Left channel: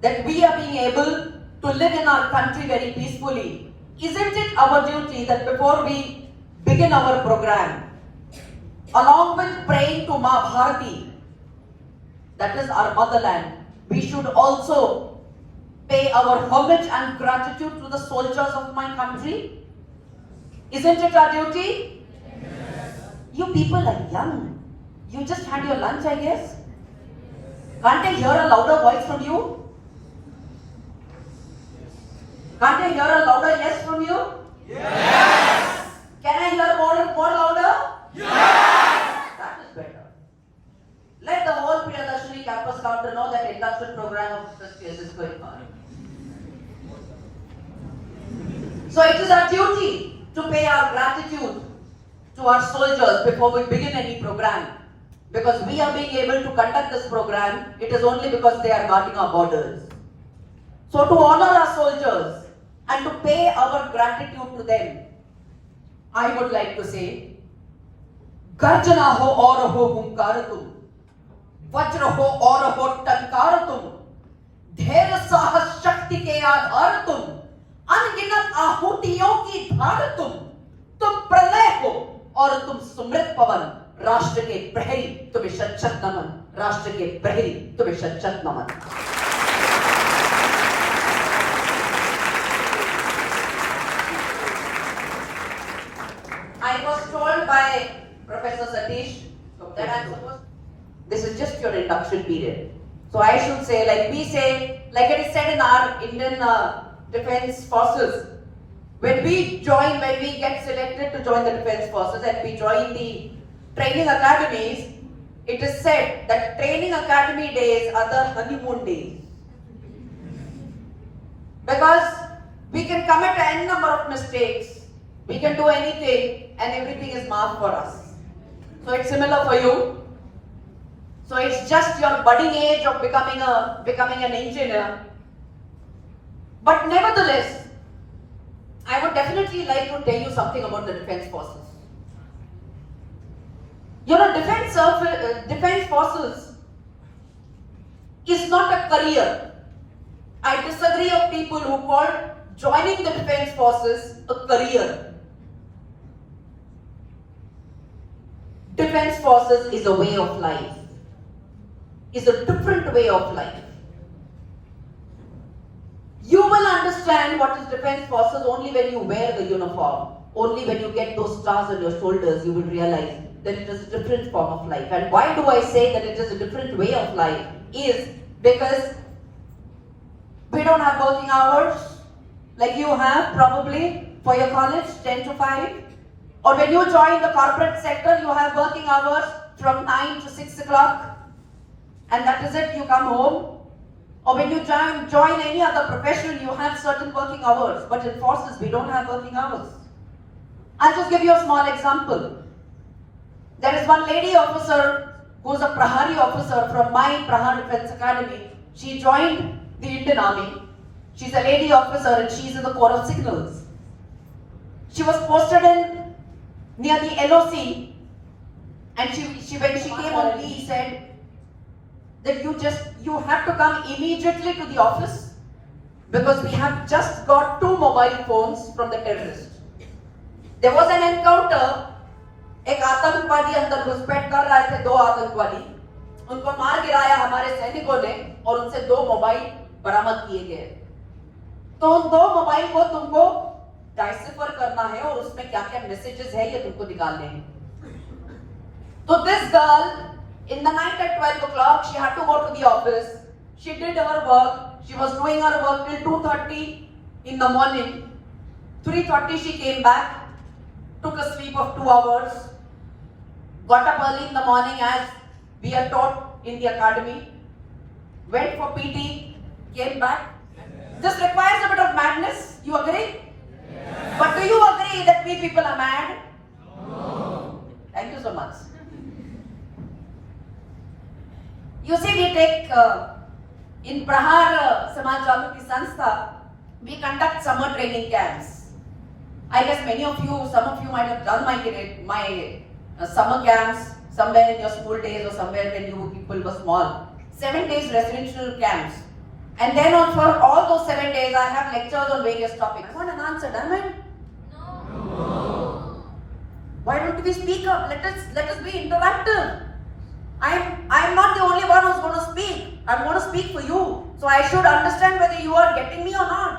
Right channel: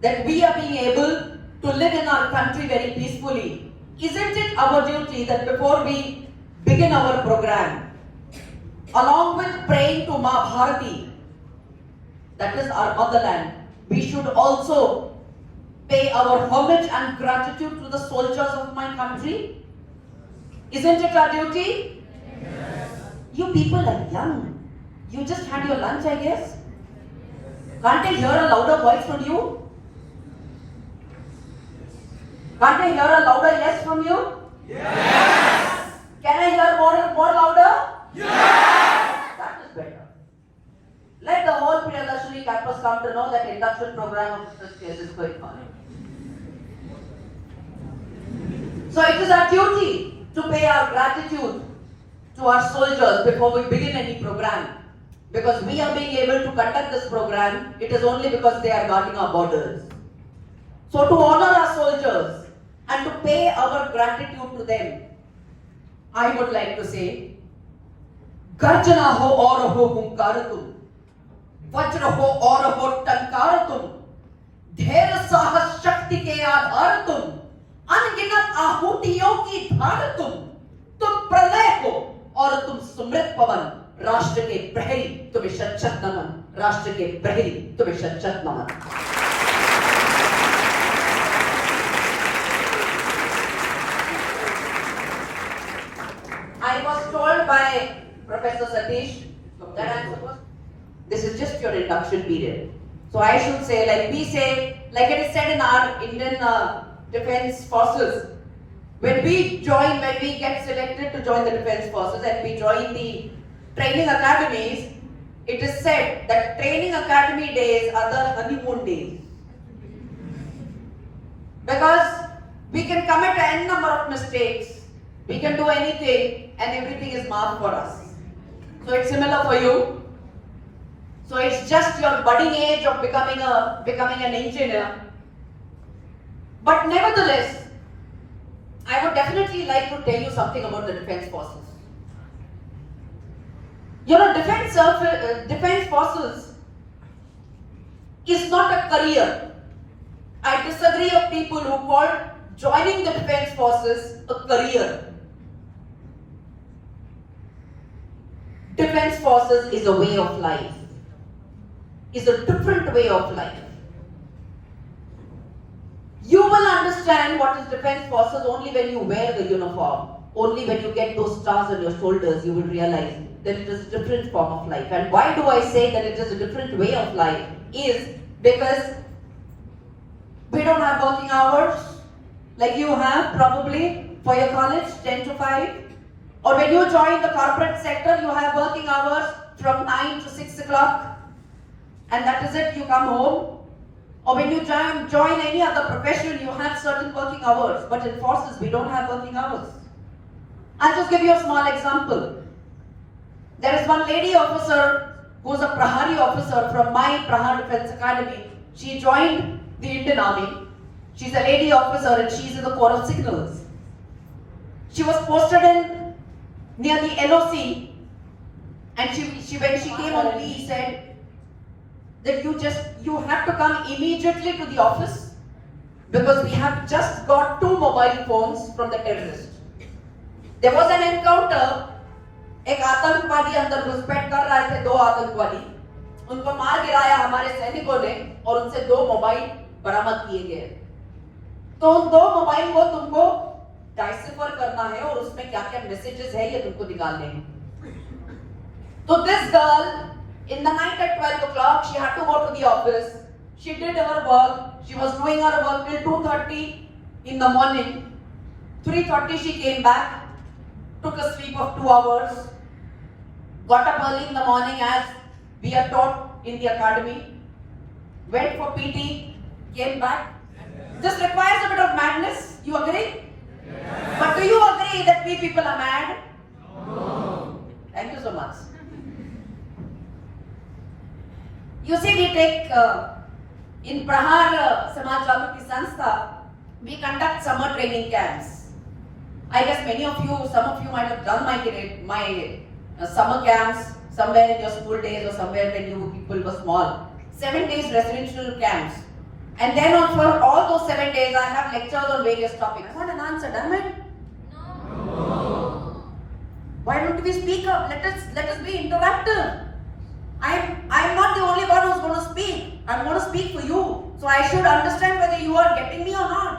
that we are being able to live in our country very peacefully, isn't it our duty that before we begin our program, along with praying to Ma Bharati, that is our motherland, we should also pay our homage and gratitude to the soldiers of my country? Isn't it our duty? Yes. You people are young. You just had your lunch, I guess. Can't I hear a louder voice from you? Can't I hear a louder yes from you? Yes! Can I hear more louder? Yes! That is better. Let the whole Priyadashini campus come to know that induction program of first years is going on. So it is our duty to pay our gratitude to our soldiers before we begin any program. Because we are being able to conduct this program, it is only because they are guarding our borders. So to honor our soldiers and to pay our gratitude to them, I would like to say, Garjana ho aur ho hunkaratum, Vajra ho aur ho tankaratum, Dher sahas shakti ke aadharatum, अनगिनत आहूतियों की धार तुम प्रलय हो और तुम सुमृत पवन, राष्ट्र के प्रहरी तुम्हें शत नमन, राष्ट्र के प्रहरी तुम्हें शत नमन. I was told by Professor Satish that I'm supposed, this is just your induction period. So I should say, like we say, like it is said in our Indian Defense Forces, when we get selected to join the Defense Forces and we join the training academies, it is said that training academy days are the honeymoon days. Because we can commit any number of mistakes, we can do anything and everything is marked for us. So it's similar for you. So it's just your budding age of becoming an engineer. But nevertheless, I would definitely like to tell you something about the Defense Forces. You know, Defense Forces is not a career. I disagree of people who call joining the Defense Forces a career. Defense Forces is a way of life. Is a different way of life. You will understand what is Defense Forces only when you wear the uniform. Only when you get those stars on your shoulders, you will realize that it is a different form of life. And why do I say that it is a different way of life? Is because we don't have working hours like you have probably for your college, 10 to 5. Or when you join the corporate sector, you have working hours from 9 to 6 o'clock. And that is it, you come home. Or when you join any other profession, you have certain working hours. But in forces, we don't have working hours. I'll just give you a small example. There is one lady officer who is a Prahari officer from my Prahar Defense Academy. She joined the Indian Army. She's a lady officer and she's in the Corps of Signals. She was posted in near the LOC, and when she came on leave, said that you have to come immediately to the office because we have just got 2 mobile phones from the terrorist. There was an encounter. एक आतंकवादी अंदर घुसपैठ कर रहे थे, 2 आतंकवादी, उनको मार गिराया हमारे सैनिकों ने और उनसे 2 मोबाइल बरामद किए गए. तो उन 2 मोबाइल को तुमको डाइसिफर करना है और उसमें क्या क्या मैसेजेस है ये तुमको निकालने हैं. तो this girl in the night at 12 o'clock, she had to go to the office. She did her work. She was doing her work till 2:30 in the morning. 3:30 she came back, took a sleep of 2 hours, got up early in the morning as we are taught in the academy, went for PT, came back. This requires a bit of madness. You agree? Yes. But do you agree that we people are mad? No. Thank you so much. You see, we take in Prahar Samaj Jagriti Sanstha, we conduct summer training camps. I guess some of you might have done my summer camps somewhere in your school days or somewhere when you people were small. 7 days residential camps. And then on for all those 7 days, I have lectures on various topics. I want an answer, damn it. No. Why don't we speak up? Let us be interactive. I'm not the only one who's going to speak. I'm going to speak for you. So I should understand whether you are getting me or not.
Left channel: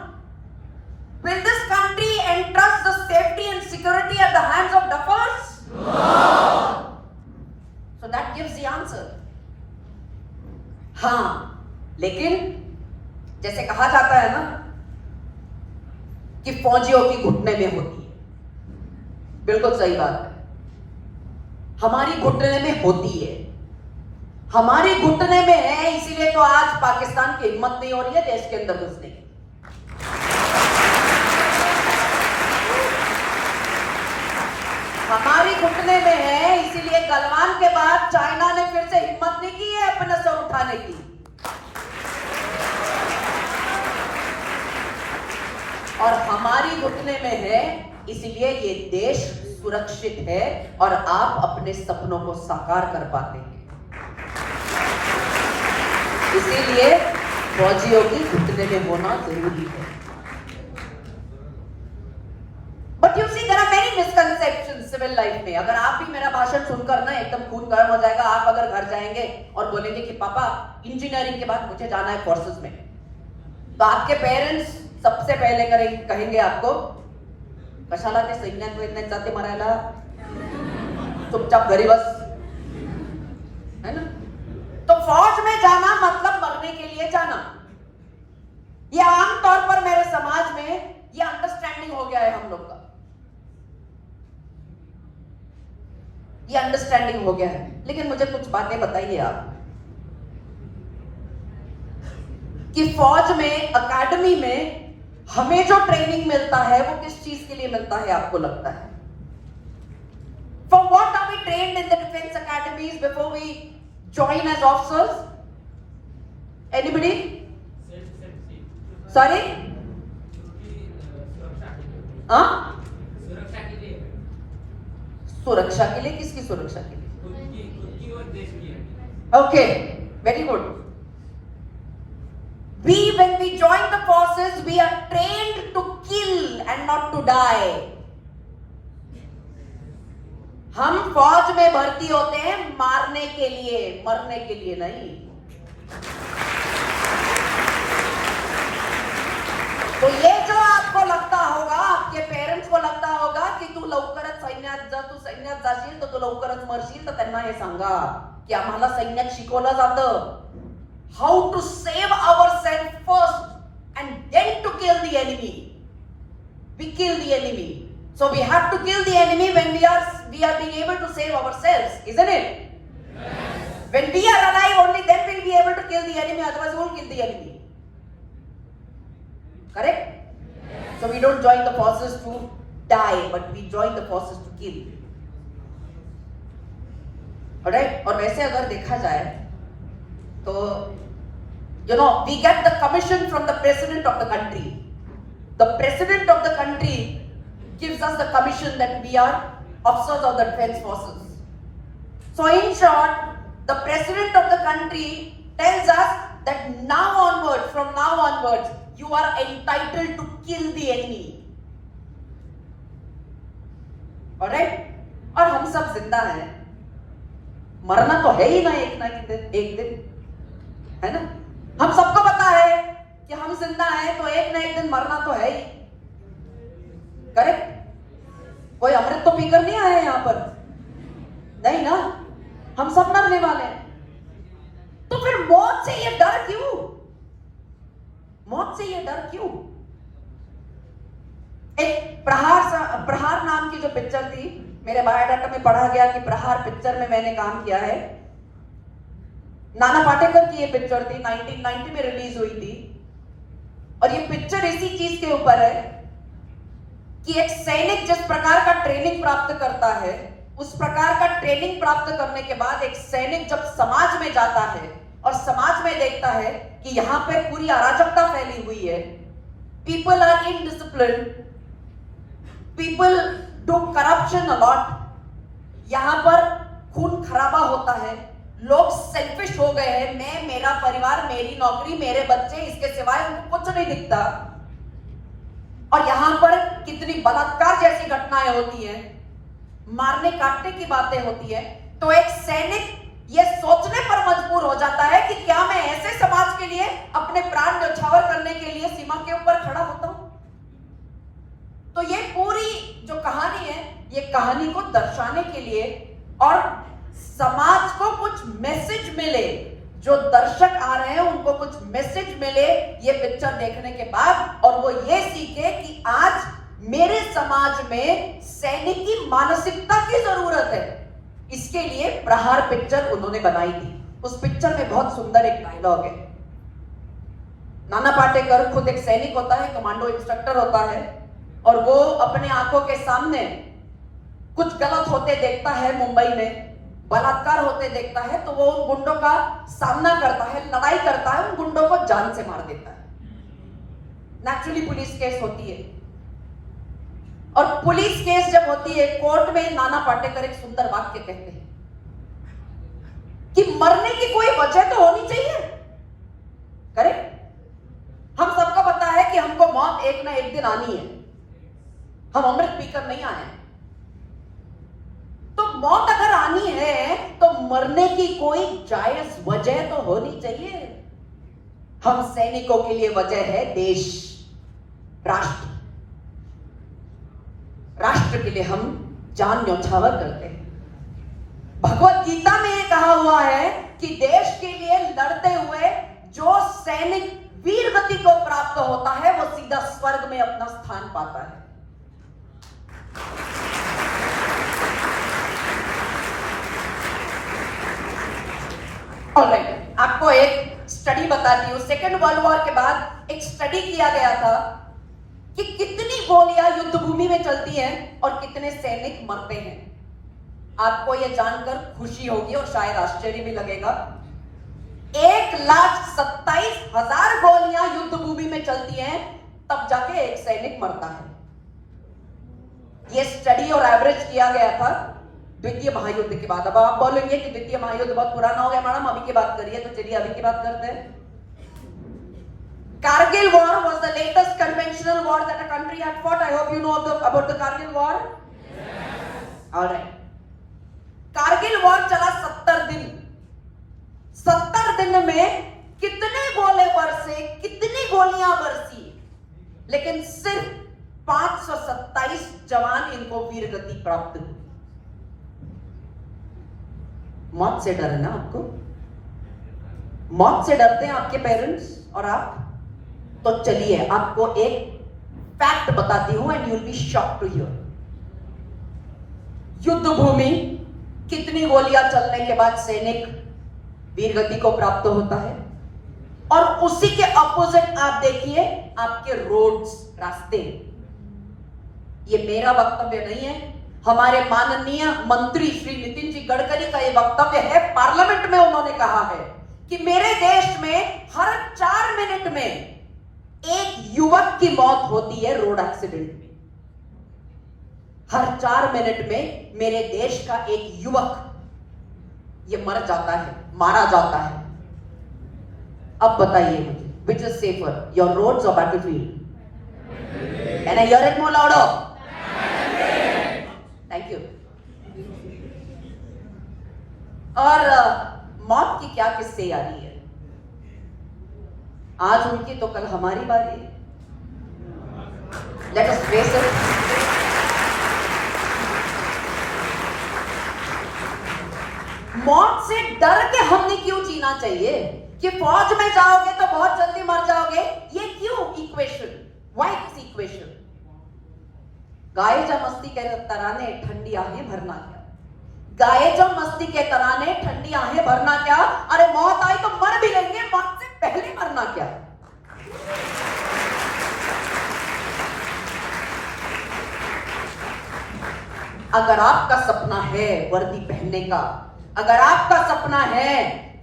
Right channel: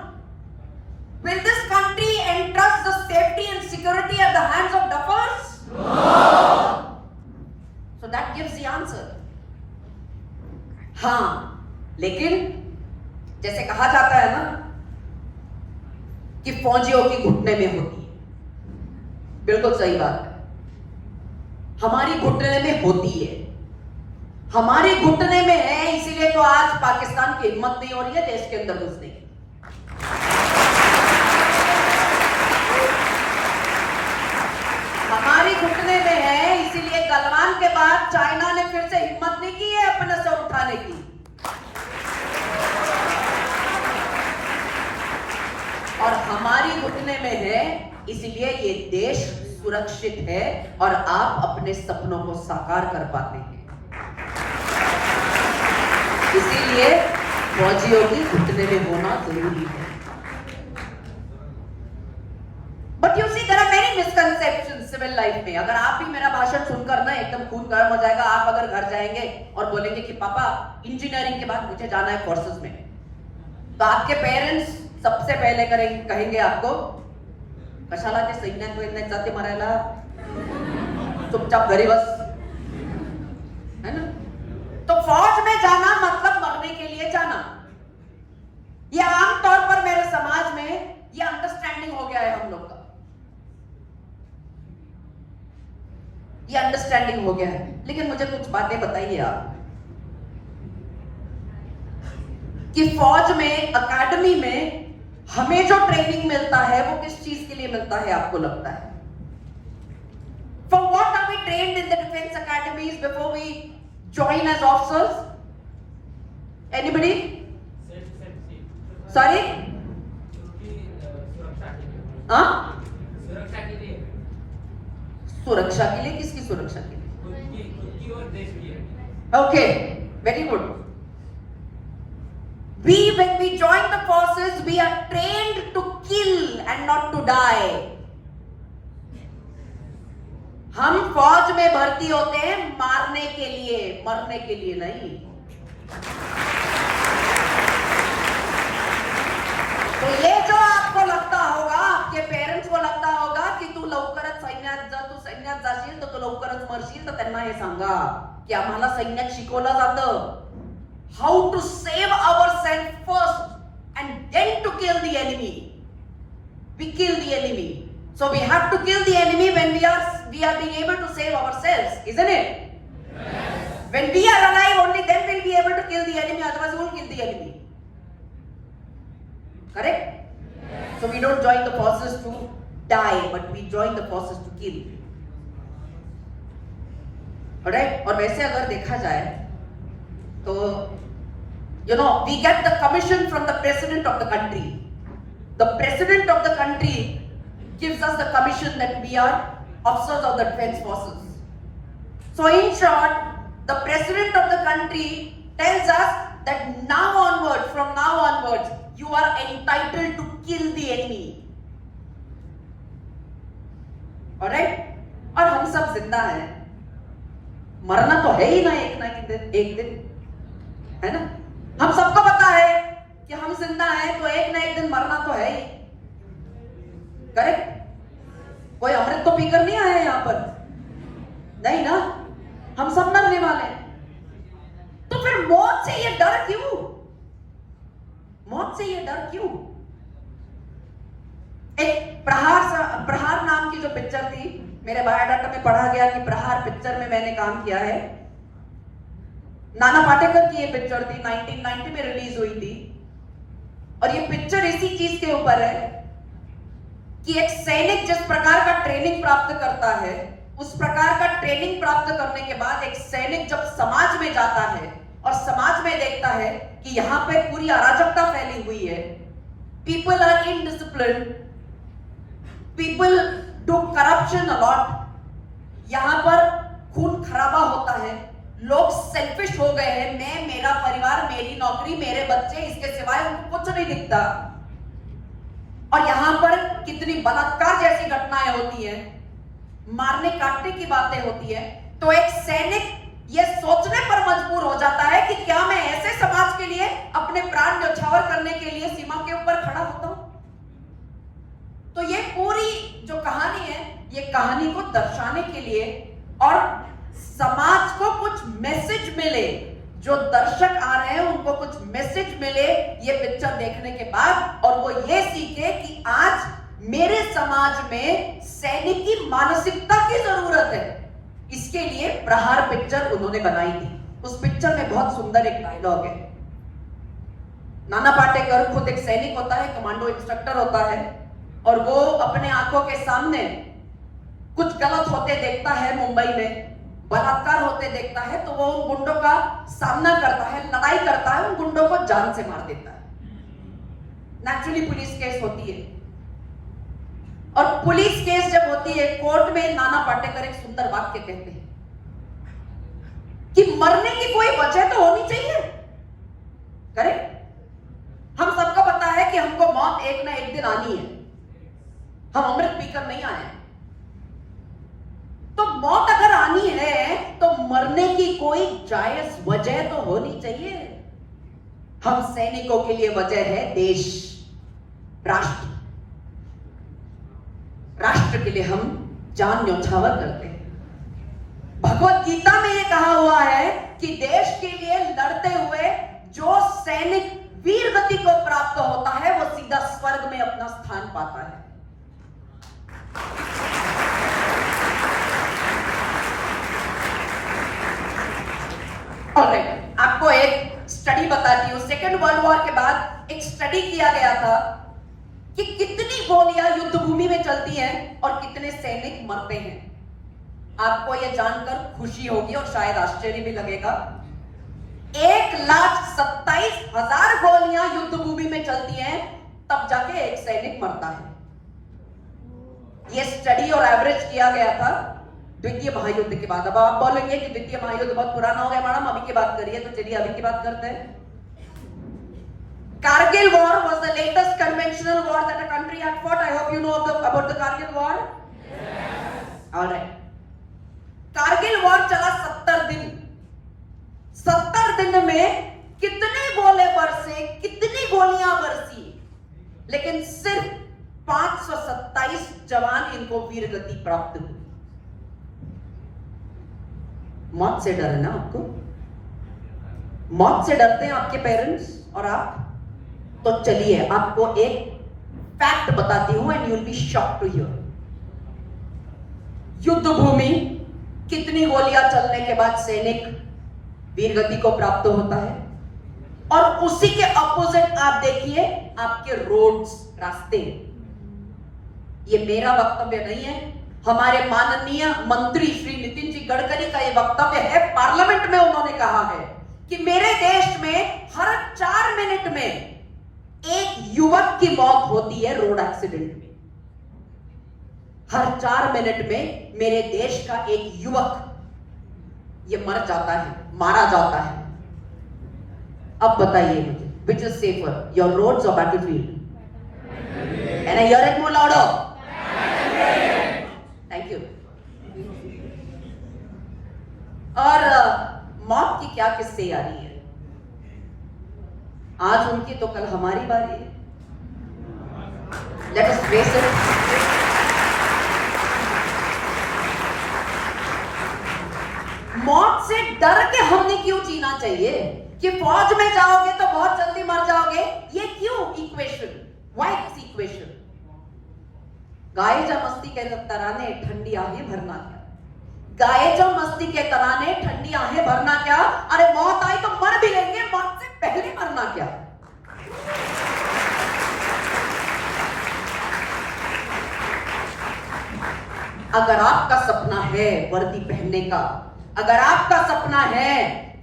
Will this country entrust the safety and security at the hands of duffers? No. So that gives the answer. हाँ, लेकिन जैसे कहा जाता है ना कि फौजियों की घुटने में होती है, बिल्कुल सही बात है। हमारी घुटने में होती है, हमारी घुटने में है, इसीलिए तो आज पाकिस्तान की हिम्मत नहीं हो रही है देश के अंदर घुसने की। हमारी घुटने में है, इसीलिए गलवान के बाद चाइना ने फिर से हिम्मत नहीं की है अपने से उठाने की। और हमारी घुटने में है, इसलिए ये देश सुरक्षित है और आप अपने सपनों को साकार कर पाते हैं। इसीलिए फौजियों की घुटने में होना जरूरी है। But you see there are many misconceptions civil life में। अगर आप भी मेरा भाषण सुनकर ना एकदम खून गर्म हो जाएगा, आप अगर घर जाएंगे और बोलेंगे कि पापा इंजीनियरिंग के बाद मुझे जाना है फोर्सेस में, तो आपके पेरेंट्स सबसे पहले कहेंगे आपको कशाला ते सैन्यात जाते मरायला, चुपचाप घरी बस, है ना। तो फौज में जाना मतलब मरने के लिए जाना। ये आमतौर पर मेरे समाज में ये अंडरस्टैंडिंग हो गया है हम लोग का, ये अंडरस्टैंडिंग हो गया है। लेकिन मुझे कुछ बातें बताइए आप कि फौज में, अकेडमी में हमें जो ट्रेनिंग मिलता है वो किस चीज के लिए मिलता है आपको लगता है? For what are we trained in the defense academies before we join as officers? Anybody? Sorry? हाँ? सुरक्षा के लिए? किसकी सुरक्षा के लिए? खुद की और देश की। Okay, very good. When we join the forces, we are trained to kill and not to die. हम फौज में भर्ती होते हैं मारने के लिए, मरने के लिए नहीं। तो ये जो आपको लगता होगा, आपके पेरेंट्स को लगता होगा कि तू लवकरच सैन्यात जा, तू सैन्यात जाशील तर तू लवकरच मरशील, तर त्यांना हे सांगा की आम्हाला सैन्यात शिकवलं जातं how to save ourselves first and then to kill the enemy. We kill the enemy. So we have to kill the enemy when we are being able to save ourselves, isn't it? Yes. When we are alive, only then we'll be able to kill the enemy, otherwise we won't kill the enemy. Correct? Yes. So we don't join the forces to die, but we join the forces to kill. Alright? और वैसे अगर देखा जाए तो we get the commission from the president of the country. The president of the country gives us the commission that we are officers of the defense forces. So in short, the president of the country tells us that from now onwards, you are entitled to kill the enemy. Alright? और हम सब जिंदा हैं, मरना तो है ही ना एक दिन, है ना। हम सबको पता है कि हम जिंदा हैं तो एक ना एक दिन मरना तो है ही। करेक्ट? कोई अमृत तो पीकर नहीं आया यहां पर, नहीं ना, हम सब मरने वाले हैं। तो फिर मौत से ये डर क्यों? मौत से ये डर क्यों? एक प्रहार नाम की जो पिक्चर थी, मेरे बायोडाटा में पढ़ा गया कि प्रहार पिक्चर में मैंने काम किया है। नाना पाटेकर की ये पिक्चर थी, 1990 में रिलीज हुई थी। और ये पिक्चर इसी चीज के ऊपर है कि एक सैनिक जिस प्रकार का ट्रेनिंग प्राप्त करता है, उस प्रकार का ट्रेनिंग प्राप्त करने के बाद एक सैनिक जब समाज में जाता है और समाज में देखता है कि यहाँ पे पूरी अराजकता फैली हुई है, people are indisciplined, people do corruption a lot, यहाँ पर खून खराबा होता है, लोग सेल्फिश हो गए हैं, मैं, मेरा परिवार, मेरी नौकरी, मेरे बच्चे, इसके सिवाय उनको कुछ नहीं दिखता। और यहां पर कितनी बलात्कार जैसी घटनाएं होती हैं, मारने काटने की बातें होती है, तो एक सैनिक ये सोचने पर मजबूर हो जाता है कि क्या मैं ऐसे समाज के लिए अपने प्राण न्यौछावर करने के लिए सीमा के ऊपर खड़ा होता हूं। तो ये पूरी जो कहानी है, ये कहानी को दर्शाने के लिए और समाज को कुछ मैसेज मिले, जो दर्शक आ रहे हैं उनको कुछ मैसेज मिले ये पिक्चर देखने के बाद, और वो ये सीखे कि आज मेरे समाज में सैनिक की मानसिकता की जरूरत है। इसके लिए प्रहार पिक्चर उन्होंने बनाई थी। उस पिक्चर में बहुत सुंदर एक डायलॉग है। नाना पाटेकर खुद एक सैनिक होता है, कमांडो इंस्ट्रक्टर होता है, और वो अपने आंखों के सामने कुछ गलत होते देखता है, मुंबई में बलात्कार होते देखता है, तो वो उन गुंडों का सामना करता है, लड़ाई करता है, उन गुंडों को जान से मार देता है। नेचुरली पुलिस केस होती है, और पुलिस केस जब होती है कोर्ट में, नाना पाटेकर एक सुंदर वाक्य कहते हैं कि मरने की कोई वजह तो होनी चाहिए। करेक्ट? हम सबको पता है कि हमको मौत एक ना एक दिन आनी है, हम अमृत पीकर नहीं आए। तो मौत अगर आनी है तो मरने की कोई जायज वजह तो होनी चाहिए। हम सैनिकों के लिए वजह है देश, राष्ट्र। राष्ट्र के लिए हम जान न्यौछावर करते हैं। भगवत गीता में यह कहा हुआ है कि देश के लिए लड़ते हुए जो सैनिक वीर गति को प्राप्त होता है वो सीधा स्वर्ग में अपना स्थान पाता है। ऑलराइट, आपको एक स्टडी बताती हूं। सेकेंड वर्ल्ड वॉर के बाद एक स्टडी किया गया था कि कितनी गोलियां युद्ध भूमि में चलती हैं और कितने सैनिक मरते हैं। आपको यह जानकर खुशी होगी और शायद आश्चर्य भी लगेगा। 1,27,000 गोलियां युद्ध भूमि में चलती हैं, तब जाके एक सैनिक मरता है। यह स्टडी और एवरेज किया गया था द्वितीय महायुद्ध के बाद। अब आप बोलेंगे कि द्वितीय महायुद्ध बहुत पुराना हो गया मैडम, अभी की बात करिए, तो चलिए अभी की बात करते हैं। Kargil war was the latest conventional war that a country had fought. I hope you know about the Kargil war. Yes. All right. Kargil war चला 70 दिन। 70 दिन में कितने गोले बरसे, कितनी गोलियां बरसी, लेकिन सिर्फ 527 जवान इनको वीर गति प्राप्त हुई। मौत से डर है ना आपको? मौत से डरते हैं आपके पेरेंट्स और आप? तो चलिए आपको एक फैक्ट बताती हूं and you will be shocked to hear. युद्ध भूमि कितनी गोलियां चलने के बाद सैनिक वीर गति को प्राप्त होता है, और उसी के ऑपोजिट आप देखिए आपके रोड्स, रास्ते। ये मेरा वक्तव्य नहीं है, हमारे माननीय मंत्री श्री नितिन जी गडकरी का ये वक्तव्य है। पार्लियामेंट में उन्होंने कहा है कि मेरे देश में हर 4 मिनट में एक युवक की मौत होती है रोड एक्सीडेंट में। हर 4 मिनट में मेरे देश का एक युवक ये मर जाता है, मारा जाता है। अब बताइए मुझे, which is safer, your roads or battlefield? Can I hear it more louder? Thank you. और मौत की क्या किस्से आ रही है? आज उनकी तो कल हमारी बारी है। Let us face it. मौत से डर के हमने क्यों जीना चाहिए कि फौज में जाओगे तो बहुत जल्दी मर जाओगे? ये क्यों इक्वेशन? Why this equation? गाए जा मस्ती के तराने ठंडी आहें भरना क्या? गाए जो मस्ती के तराने ठंडी आहें भरना क्या? अरे मौत आई तो मर भी लेंगे, मौत से पहले मरना क्या? अगर आपका सपना है वर्दी पहनने का, अगर आपका सपना है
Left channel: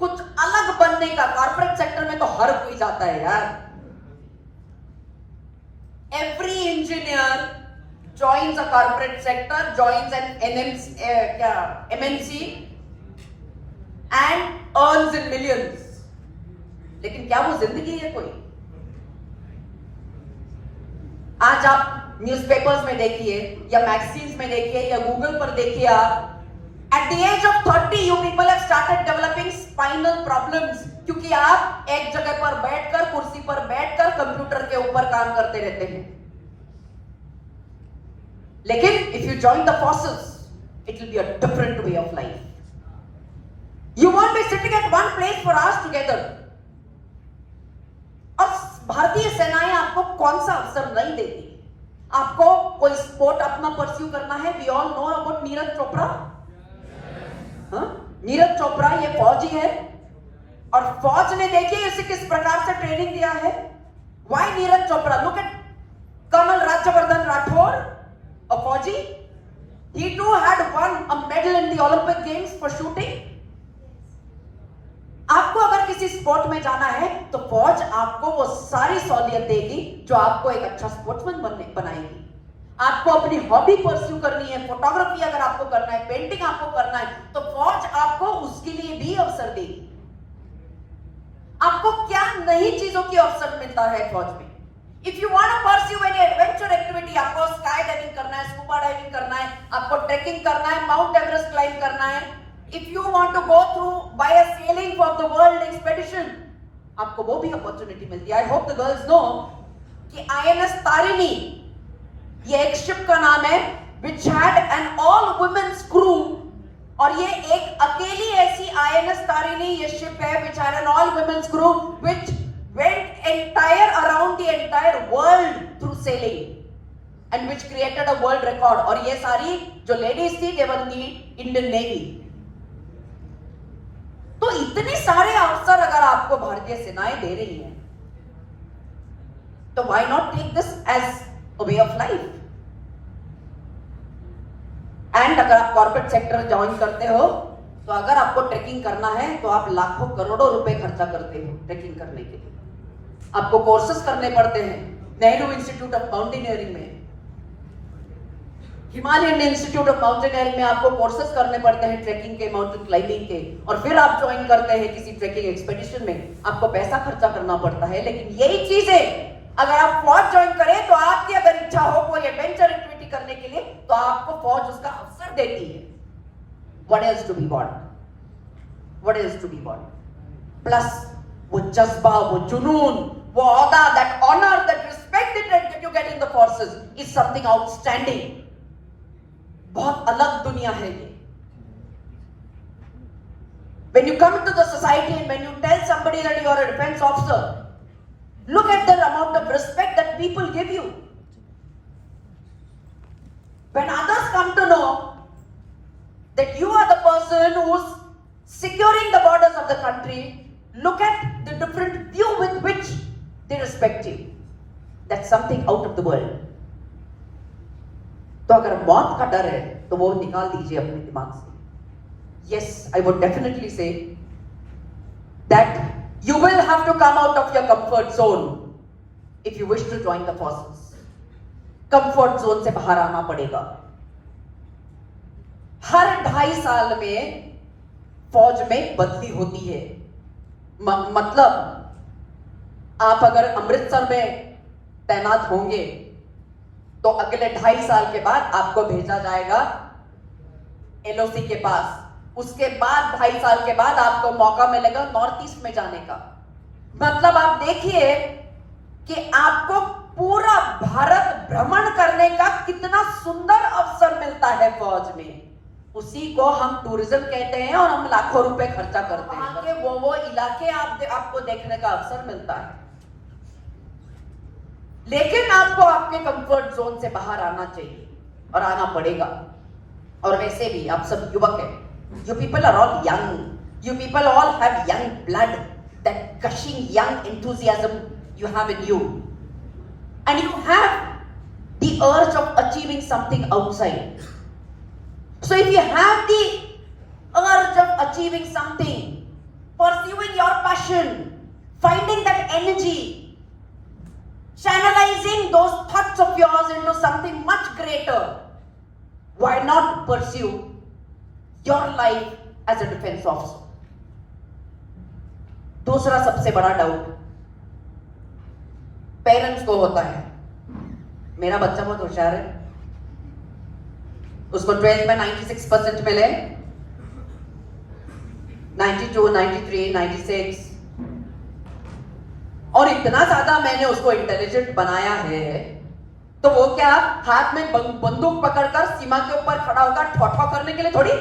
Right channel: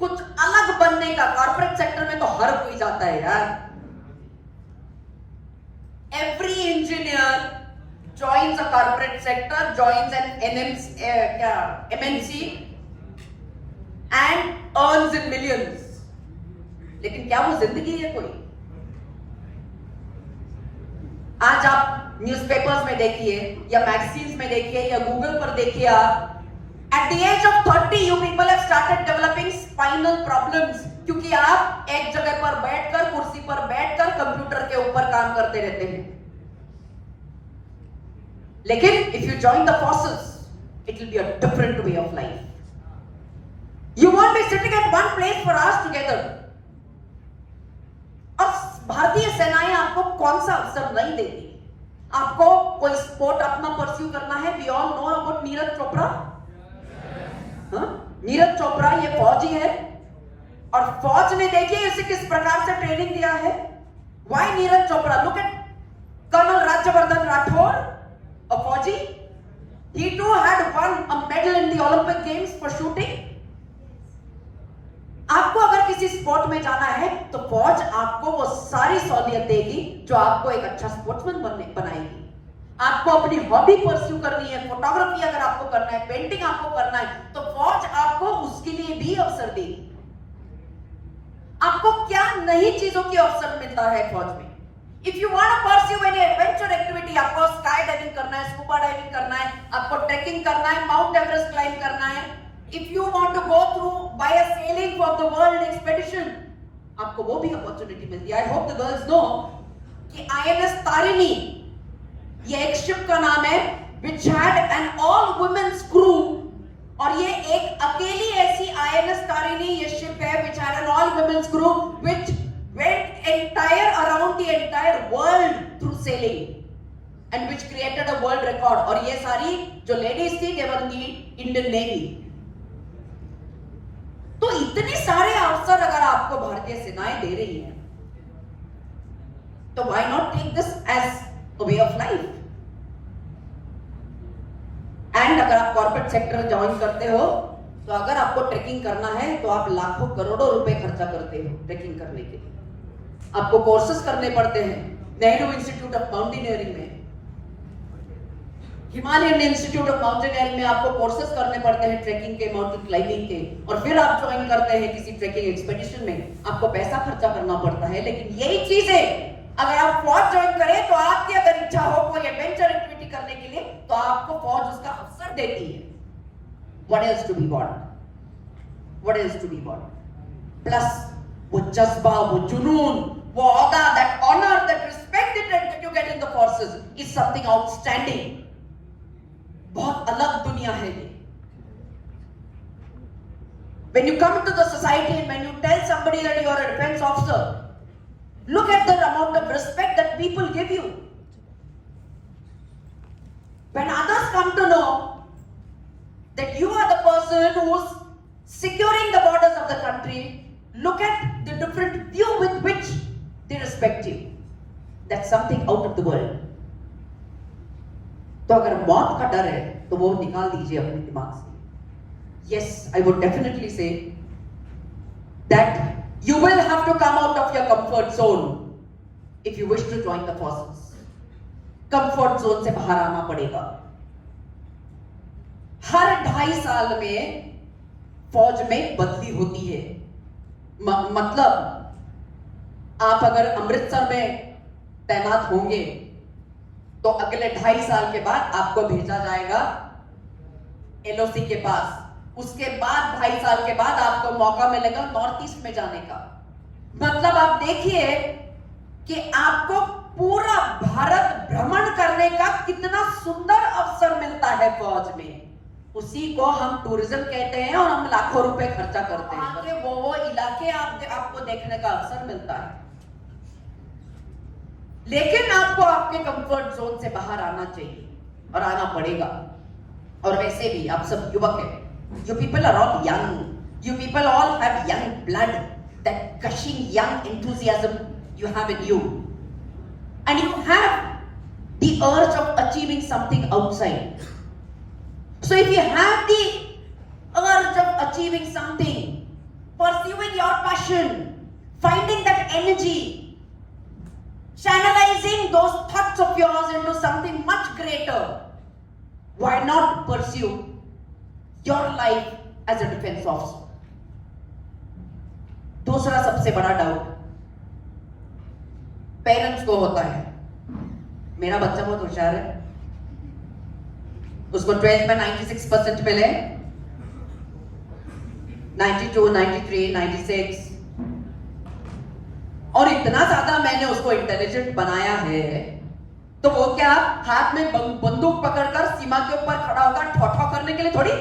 कुछ अलग बनने का, कॉर्पोरेट सेक्टर में तो हर कोई जाता है यार। Every engineer joins a corporate sector, joins an MNC, and earns in millions. लेकिन क्या वो जिंदगी है कोई? आज आप न्यूज़पेपर्स में देखिए या मैगजीन्स में देखिए या गूगल पर देखिए आप, at the age of 30 you people have started developing spinal problems क्योंकि आप एक जगह पर बैठकर, कुर्सी पर बैठकर कंप्यूटर के ऊपर काम करते रहते हैं. लेकिन if you join the forces it will be a different way of life. You won't be sitting at one place for hours together. और भारतीय सेनाएं आपको कौन सा अवसर नहीं देती? आपको कोई स्पोर्ट अपना परस्यू करना है? We all know about Neeraj Chopra. Neeraj Chopra ये फौजी है और फौज ने देखिए इसे किस प्रकार से ट्रेनिंग दिया है. Why Neeraj Chopra? Look at colonel Rajyavardhan Rathore, a फौजी. He too had won a medal in the Olympic Games for shooting. आपको अगर किसी स्पोर्ट में जाना है तो फौज आपको वो सारी सहूलियत देगी जो आपको एक अच्छा स्पोर्ट्समैन बनाएगी. आपको अपनी हॉबी परस्यू करनी है, फोटोग्राफी अगर आपको करना है, पेंटिंग आपको करना है, तो फौज आपको उसके लिए भी अवसर देगी. आपको क्या नई चीजों की अवसर मिलता है फौज में? If you want to pursue any adventure activity, आपको स्काई डाइविंग करना है, स्कूबा डाइविंग करना है, आपको ट्रैकिंग करना है, माउंट एवरेस्ट क्लाइंब करना है. If you want to go through by a sailing for the world expedition, आपको वो भी अपॉर्चुनिटी मिलती है. I hope the girls know कि INS तारिणी ये एक शिप का नाम है which had an all women's crew, और ये एक अकेली ऐसी INS तारिणी ये शिप है which had an all women's crew which went entire around the entire world through sailing and which created a world record. और ये सारी जो लेडीज थी they were in the Indian Navy. तो इतने सारे अवसर अगर आपको भारतीय सेनाएं दे रही हैं तो why not take this as a way of life? And अगर आप कॉर्पोरेट सेक्टर ज्वाइन करते हो तो अगर आपको ट्रेकिंग करना है तो आप लाखों करोड़ों रुपए खर्चा करते हो ट्रेकिंग करने के लिए. आपको कोर्सेज करने पड़ते हैं. नेहरू इंस्टीट्यूट ऑफ माउंटेनियरिंग में, हिमालयन इंस्टीट्यूट ऑफ माउंटेनियरिंग में आपको कोर्सेज करने पड़ते हैं ट्रेकिंग के, माउंटेन क्लाइंबिंग के, और फिर आप ज्वाइन करते हैं किसी ट्रेकिंग एक्सपेडिशन में. आपको पैसा खर्चा करना पड़ता है. लेकिन यही चीजें अगर आप फौज ज्वाइन करें तो आपकी अगर इच्छा हो कोई एडवेंचर एक्टिविटी करने के लिए तो आपको फौज उसका अवसर देती है. What else to be born? What else to be born? Plus वो जज्बा, वो जुनून, वो औदा, that honor, that respect that you get in the forces is something outstanding. बहुत अलग दुनिया है ये. When you come to the society and when you tell somebody that you are a defense officer, look at the amount of respect that people give you. When others come to know that you are the person who's securing the borders of the country, look at the different view with which they respect you. That's something out of the world. तो अगर मौत का डर है तो वो निकाल दीजिए अपने दिमाग से. Yes, I would definitely say that you will have to come out of your comfort zone if you wish to join the forces. Comfort zone से बाहर आना पड़ेगा. हर 2.5 साल में फौज में बदली होती है. मतलब आप अगर अमृतसर में तैनात होंगे तो अगले 2.5 साल के बाद आपको भेजा जाएगा LOC के पास. उसके बाद 2.5 साल के बाद आपको मौका मिलेगा नॉर्थ ईस्ट में जाने का. मतलब आप देखिए कि आपको पूरा भारत भ्रमण करने का कितना सुंदर अवसर मिलता है फौज में. उसी को हम टूरिज्म कहते हैं और हम लाखों रुपए खर्चा करते हैं कि वो इलाके आपको देखने का अवसर मिलता है. लेकिन आपको आपके कंफर्ट जोन से बाहर आना चाहिए और आना पड़ेगा. और वैसे भी आप सब युवक हैं. You people are all young. You people all have young blood. That gushing young enthusiasm you have in you. And you have the urge of achieving something outside. So if you have the urge of achieving something, pursuing your passion, finding that energy, channelizing those thoughts of yours into something much greater, why not pursue your life as a defense officer? दूसरा सबसे बड़ा doubt parents को होता है, मेरा बच्चा बहुत होशियार है, उसको 12th में 96% मिले, 92, 93, 96, और इतना ज्यादा मैंने उसको इंटेलिजेंट बनाया है, तो वो क्या हाथ में बंदूक पकड़कर सीमा के ऊपर खड़ा होकर ठोठा करने के लिए थोड़ी।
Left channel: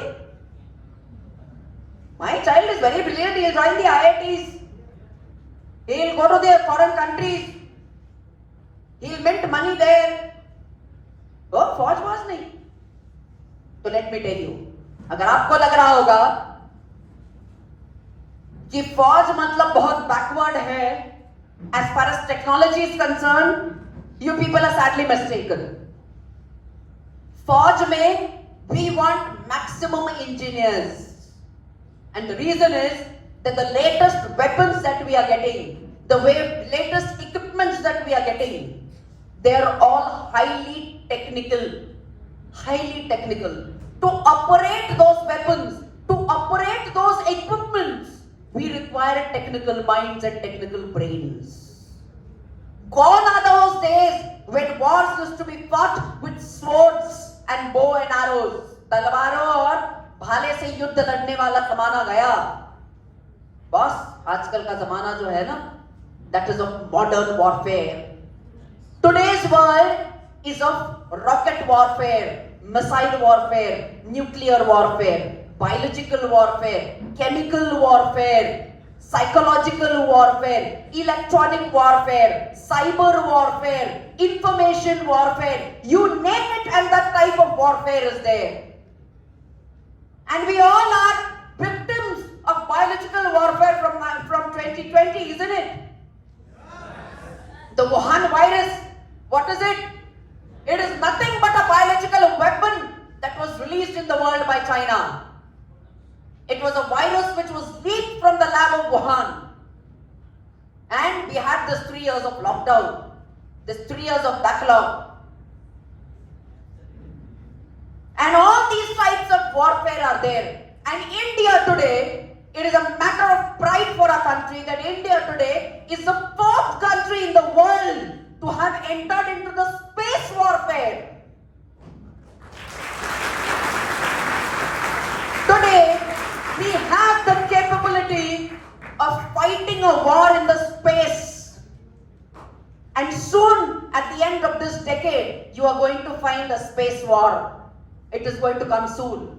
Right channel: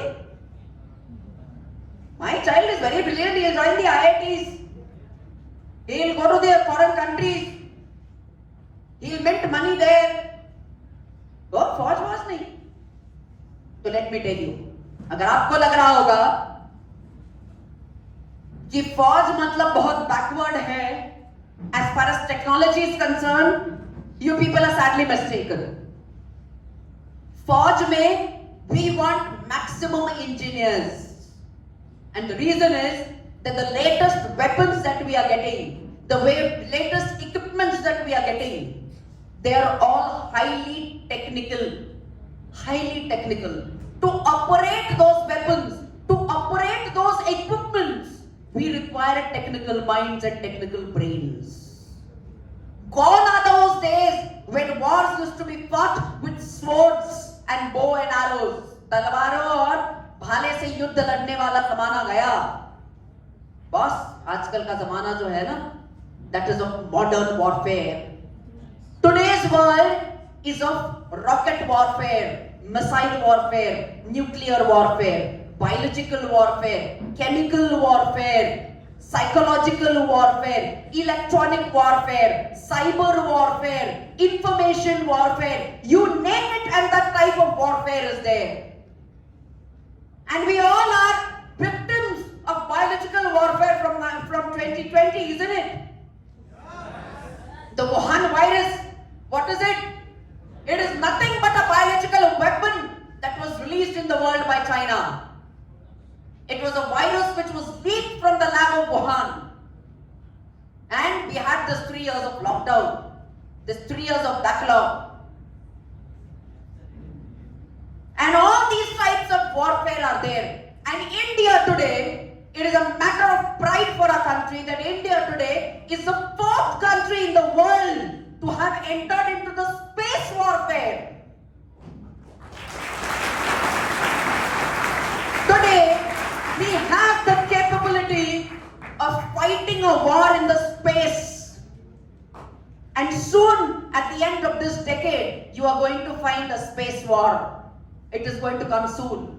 My child is very brilliant, he will join the IITs, he will go to the foreign countries, he will mint money there. वो फौज वाज नहीं। तो लेट मी टेल यू, अगर आपको लग रहा होगा कि फौज मतलब बहुत बैकवर्ड है as far as technology is concerned, you people are sadly mistaken. फौज में we want maximum engineers, and the reason is that the latest weapons that we are getting, the latest equipments that we are getting, they are all highly technical. To operate those weapons, to operate those equipments, we require technical minds and technical brains. Gone are those days when wars used to be fought with swords and bow and arrows. तलवारों और भाले से युद्ध लड़ने वाला जमाना गया। बस आजकल का जमाना जो है ना, that is of modern warfare. Today's world is of rocket warfare, missile warfare, nuclear warfare, biological warfare, chemical warfare, psychological warfare, electronic warfare, cyber warfare, information warfare, you name it, and that type of warfare is there. And we all are victims of biological warfare from 2020, isn't it? The Wuhan virus, what is it? It is nothing but a biological weapon that was released in the world by China. It was a virus which was leaked from the lab of Wuhan. And we had this 3 years of lockdown, this 3 years of backlog. And all these types of warfare are there. And India today, it is a matter of pride for our country that India today is the 4th country in the world to have entered into the space warfare. Today, we have the capability of fighting a war in the space. And soon, at the end of this decade, you are going to find a space war. It is going to come soon.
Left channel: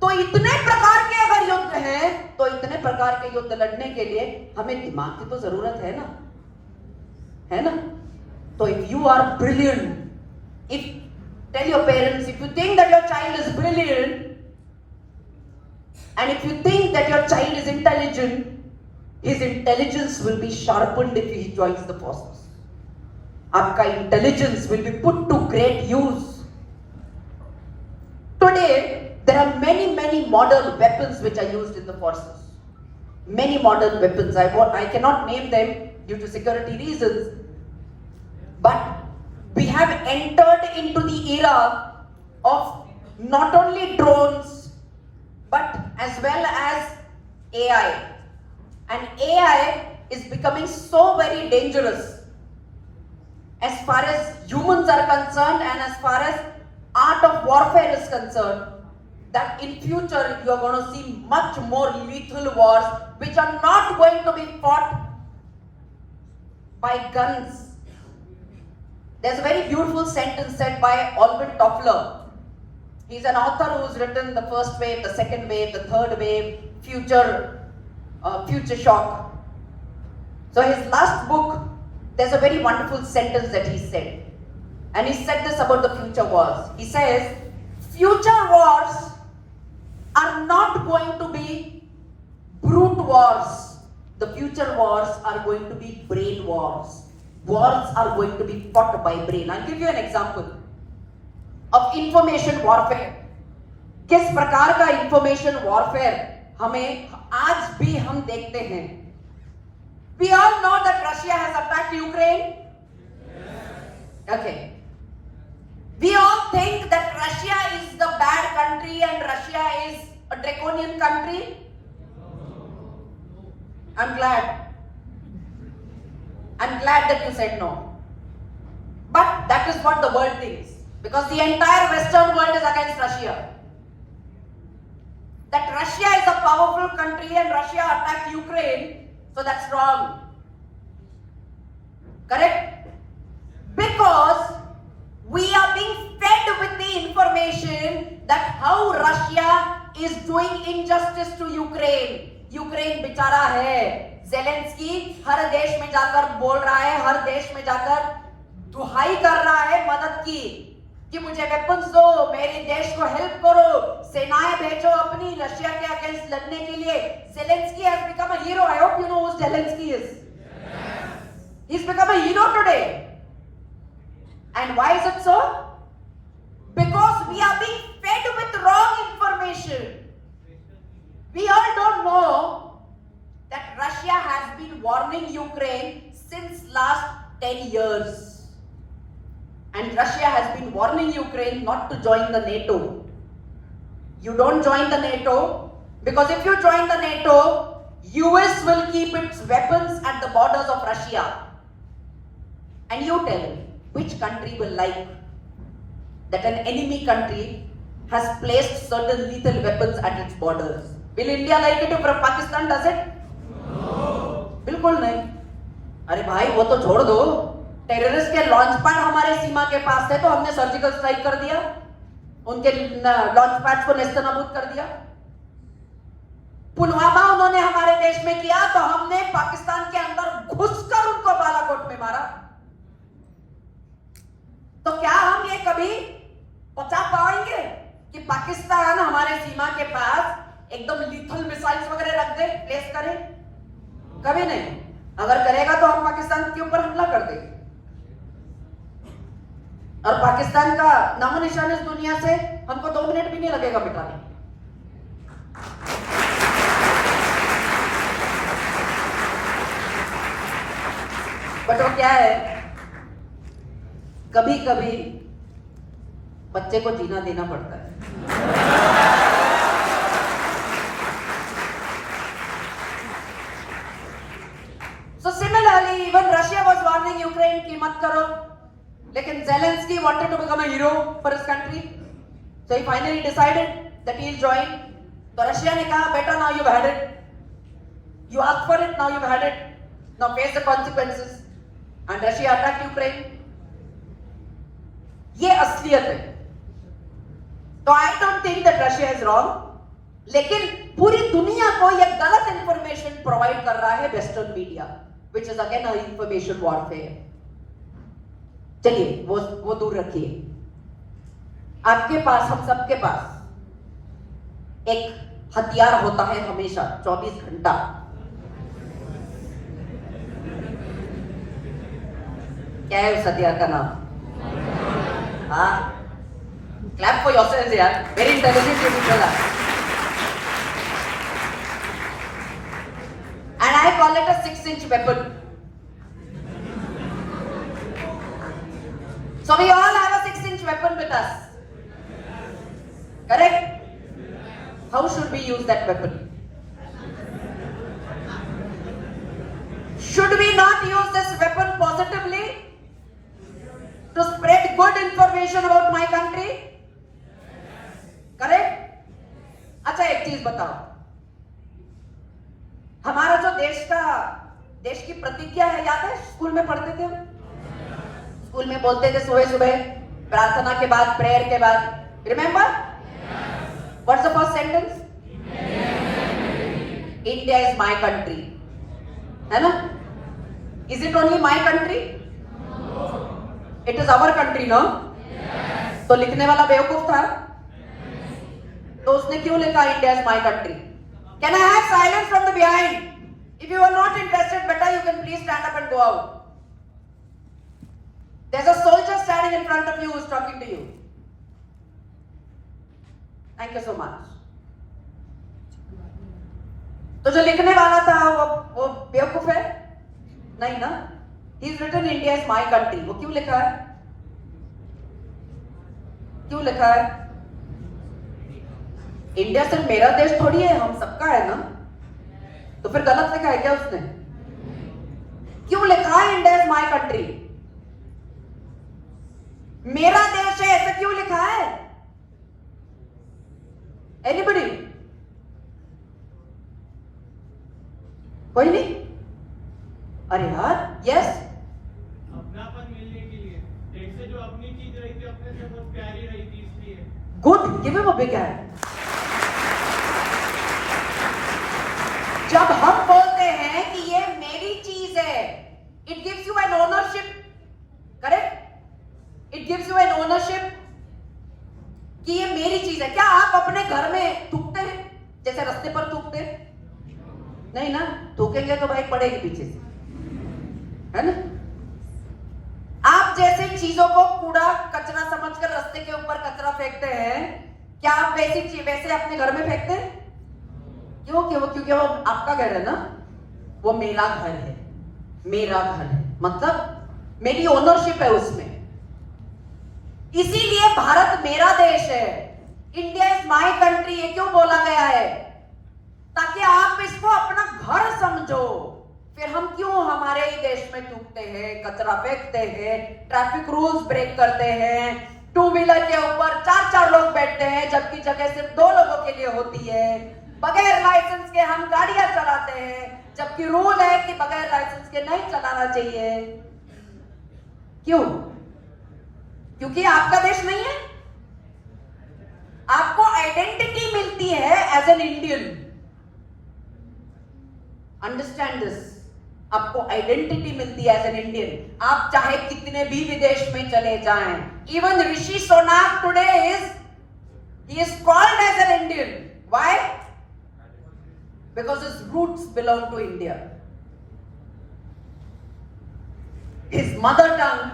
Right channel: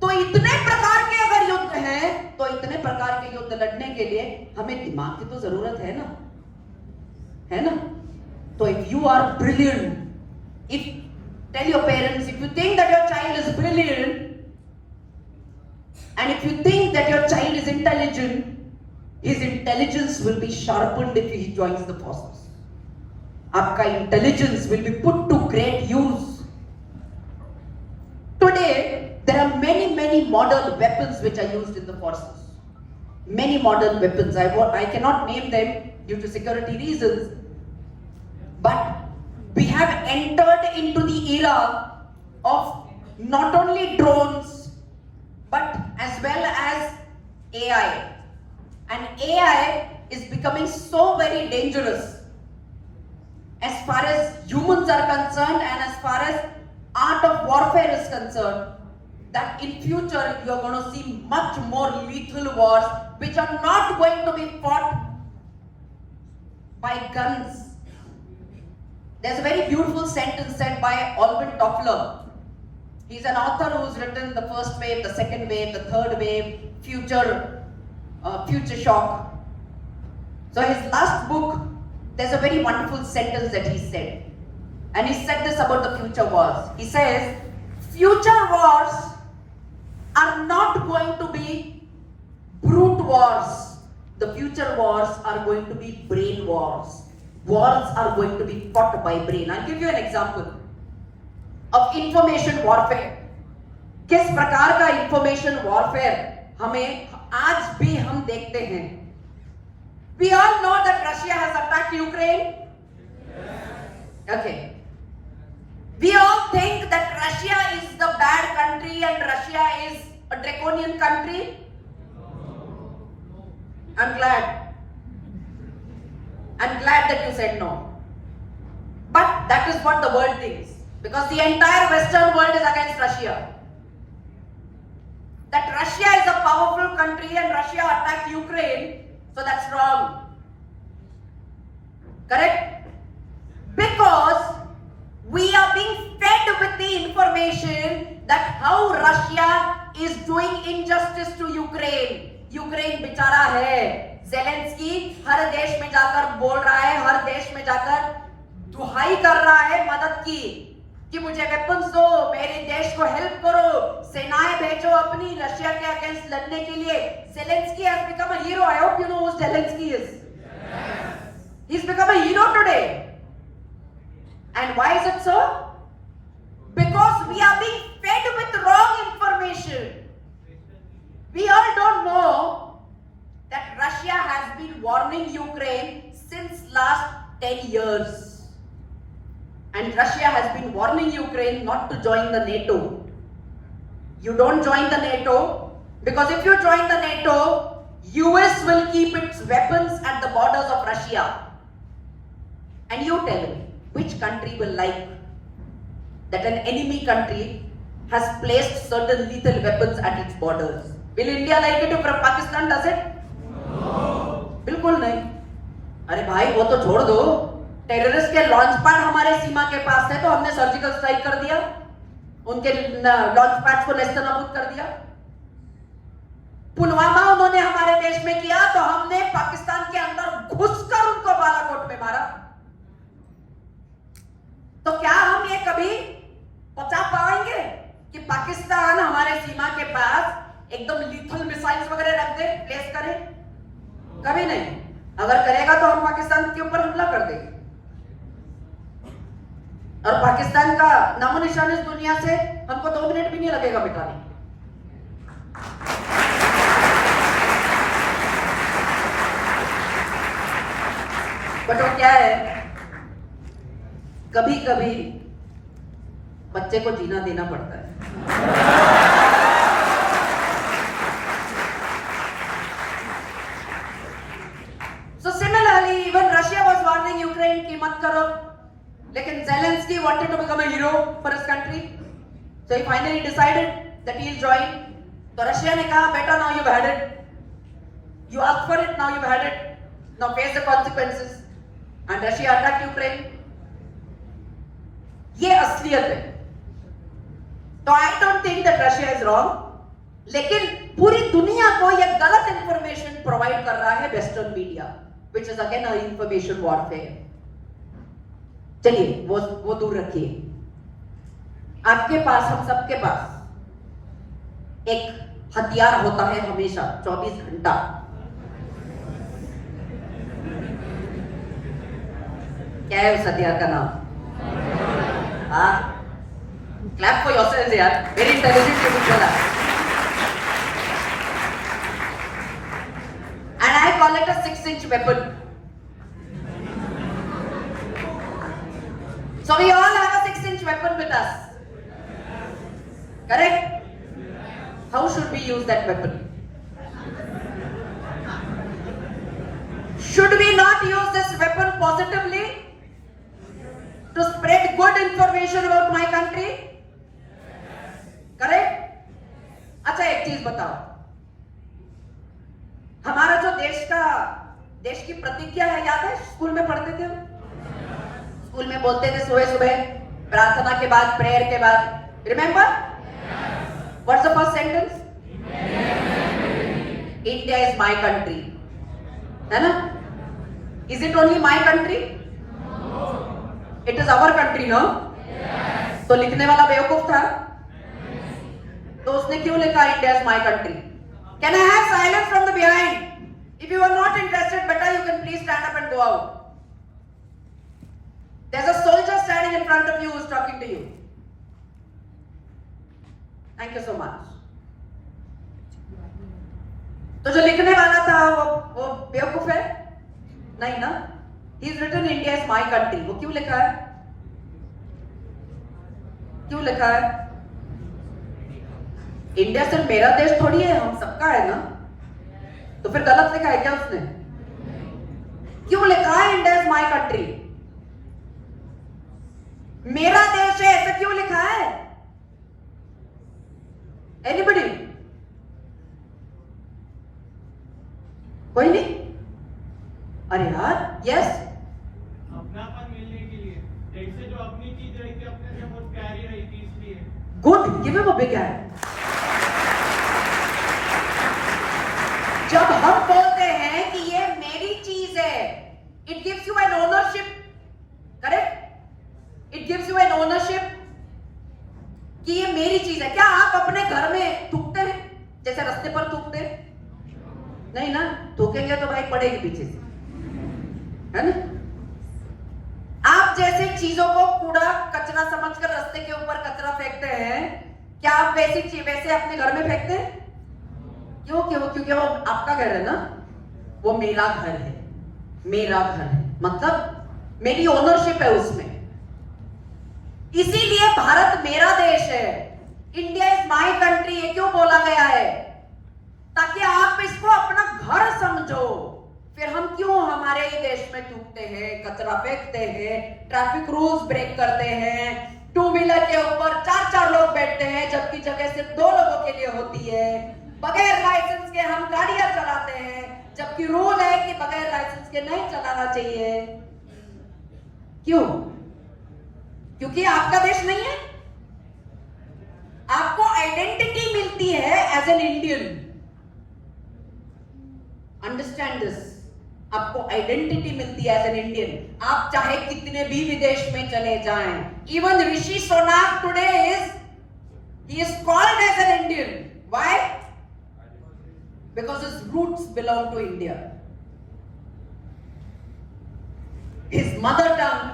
तो इतने प्रकार के अगर युद्ध हैं, तो इतने प्रकार के युद्ध लड़ने के लिए हमें दिमाग की तो जरूरत है ना? तो if you are brilliant, tell your parents, if you think that your child is brilliant, and if you think that your child is intelligent, his intelligence will be sharpened if he joins the forces. आपका intelligence will be put to great use. Today, there are many modern weapons which are used in the forces. Many modern weapons. I cannot name them due to security reasons. But we have entered into the era of not only drones, but as well as AI. And AI is becoming so very dangerous as far as humans are concerned and as far as art of warfare is concerned, that in future you are going to see much more lethal wars which are not going to be fought by guns. There's a very beautiful sentence said by Alvin Toffler. He's an author who's written the first wave, the second wave, the third wave, future shock. So his last book, there's a very wonderful sentence that he said. And he said this about the future wars. He says, future wars are not going to be brute wars. The future wars are going to be brain wars. Wars are going to be fought by brain. I'll give you an example of information warfare. किस प्रकार का information warfare हमें आज भी हम देखते हैं. We all know that Russia has attacked Ukraine. Okay. We all think that Russia is the bad country and Russia is a draconian country. I'm glad. I'm glad that you said no. But that is what the world thinks. Because the entire Western world is against Russia. That Russia is a powerful country and Russia attacked Ukraine, so that's wrong. Correct? Because we are being fed with the information that how Russia is doing injustice to Ukraine. Ukraine बेचारा है, Zelensky हर देश में जाकर बोल रहा है, हर देश में जाकर दुहाई कर रहा है मदद की कि मुझे वेपन्स दो, मेरे देश को हेल्प करो, सेनाएं भेजो अपनी रशिया के अगेंस्ट लड़ने के लिए. Zelensky has become a hero. I hope you know who Zelensky is. Yes. He's become a hero today. And why is it so? Because we are being fed with wrong information. We all don't know that Russia has been warning Ukraine since last 10 years. And Russia has been warning Ukraine not to join the NATO. You don't join the NATO because if you join the NATO, US will keep its weapons at the borders of Russia. And you tell me, which country will like that an enemy country has placed certain lethal weapons at its borders? Will India like it if Pakistan does it? No. बिल्कुल नहीं. अरे भाई वो तो छोड़ दो. Terrorist के launch pad हमारे सीमा के पास थे तो हमने सर्जिकल स्ट्राइक कर दिया, उनके लॉन्च पैड्स को नेस्तनाबूद कर दिया. पुलवामा उन्होंने हमारे देश में किया तो हमने पाकिस्तान के अंदर घुसकर उनको बालाकोट में मारा. तो क्या हम ये कभी पचा पाएंगे कि पाकिस्तान हमारे सीमा के पास एकदम लीथल मिसाइल्स वगैरह रख दे, प्लेस करे? कभी नहीं. अगर करेगा तो हम पाकिस्तान के ऊपर हमला कर देंगे. और पाकिस्तान का नामो निशान इस दुनिया से हमको 2 मिनट भी नहीं लगेगा मिटाने. बट वो क्या है, कभी कभी बच्चे को जीना देना पड़ता है. So similarly, even Russia was warning Ukraine कि मत करो, लेकिन Zelensky wanted to become a hero for his country, so he finally decided that he'll join. तो रशिया ने कहा, बेटा now you've had it, you asked for it, now you've had it, now face the consequences, and Russia attacked Ukraine. ये असलियत है. तो I don't think that Russia is wrong, लेकिन पूरी दुनिया को ये गलत इंफॉर्मेशन प्रोवाइड कर रहा है western media, which is again a information warfare. चलिए वो दूर रखिए. आपके पास, हम सबके पास एक हथियार होता है हमेशा 24 घंटा. क्या है उस हथियार का नाम? हाँ, क्लैप फॉर योरसेल्व्स यार, वेरी इंटेलिजेंट पीपल बोला. And I call it a 6-inch weapon. So we all have a 6-inch weapon with us. Correct? How should we use that weapon? Should we not use this weapon positively to spread good information about my country? Correct? अच्छा एक चीज बताओ, हमारा जो देश की प्रतिज्ञा है, याद है? स्कूल में पढ़ते थे हम. स्कूल में बोलते थे सुबह सुबह प्रार्थना के बाद, प्रेयर के बाद. Remember? What's the first sentence? India is my country. है ना? Is it only my country? It is our country, no? तो लिखने वाला बेवकूफ था, तो उसने क्यों लिखा India is my country? Can I have silence from the behind? If you are not interested, better you can please stand up and go out. There's a soldier standing in front of you who is talking to you. Thank you so much. तो जो लिखने वाला था वो बेवकूफ है? नहीं ना? He's written India is my country. वो क्यों लिखा है? क्यों लिखा है? इंडिया सिर्फ मेरा देश थोड़ी है, हम सबका है ना. तो फिर गलत लिखा है क्या उसने? क्यों लिखा है इंडिया इज माई कंट्री? मेरा देश है ऐसा क्यों लिखा है? एनीबडी? कोई नहीं? अरे यार, यस, अपनापन मिलने के लिए, जैसे जो अपनी चीज रही थी अपने से बहुत प्यारी रही थी इसलिए। Good, give him a big hand. जब हम बोलते हैं कि ये मेरी चीज है, it gives you an ownership, correct? It gives you an ownership कि ये मेरी चीज है। क्या आप अपने घर में थूकते हैं जैसे रास्ते पर थूकते हैं? नहीं ना, थूकेंगे तो भाई पड़ेगी पीछे से, है ना? आप जैसे चीजों को कूड़ा कचरा समझकर रास्ते के ऊपर कचरा फेंकते हैं, क्या आप वैसे अपने घर में फेंकते हैं? क्यों? क्योंकि वो आपका घर है ना, वो मेरा घर है, मेरा घर है, मतलब मेरी ओनरशिप है उसमें। इसीलिए भारत मेरा देश है, इंडिया इज माई कंट्री, ये क्यों बोला गया है? ताकि आप इसको अपना घर समझो। फिर हम क्यों हमारे ही देश में थूकते हैं, कचरा फेंकते हैं, ट्रैफिक रूल्स ब्रेक करते हैं, टू व्हीलर के ऊपर 4-4 लोग बैठते हैं जबकि जगह सिर्फ 2 लोगों के लिए होती है, बगैर लाइसेंस के हम गाड़ियां चलाते हैं जबकि रूल है कि बगैर लाइसेंस के नहीं चलाना चाहिए। क्यों? क्योंकि आपका देश नहीं है। आपको आइडेंटिटी मिलती है as an Indian, understand this. आपको आइडेंटिटी मिलती है एज एन इंडियन। आप चाहे कितने भी विदेश में चले जाएं, इवन ऋषि सोनाक today he is called as an Indian. Why? Because his roots belong to India. His mother tongue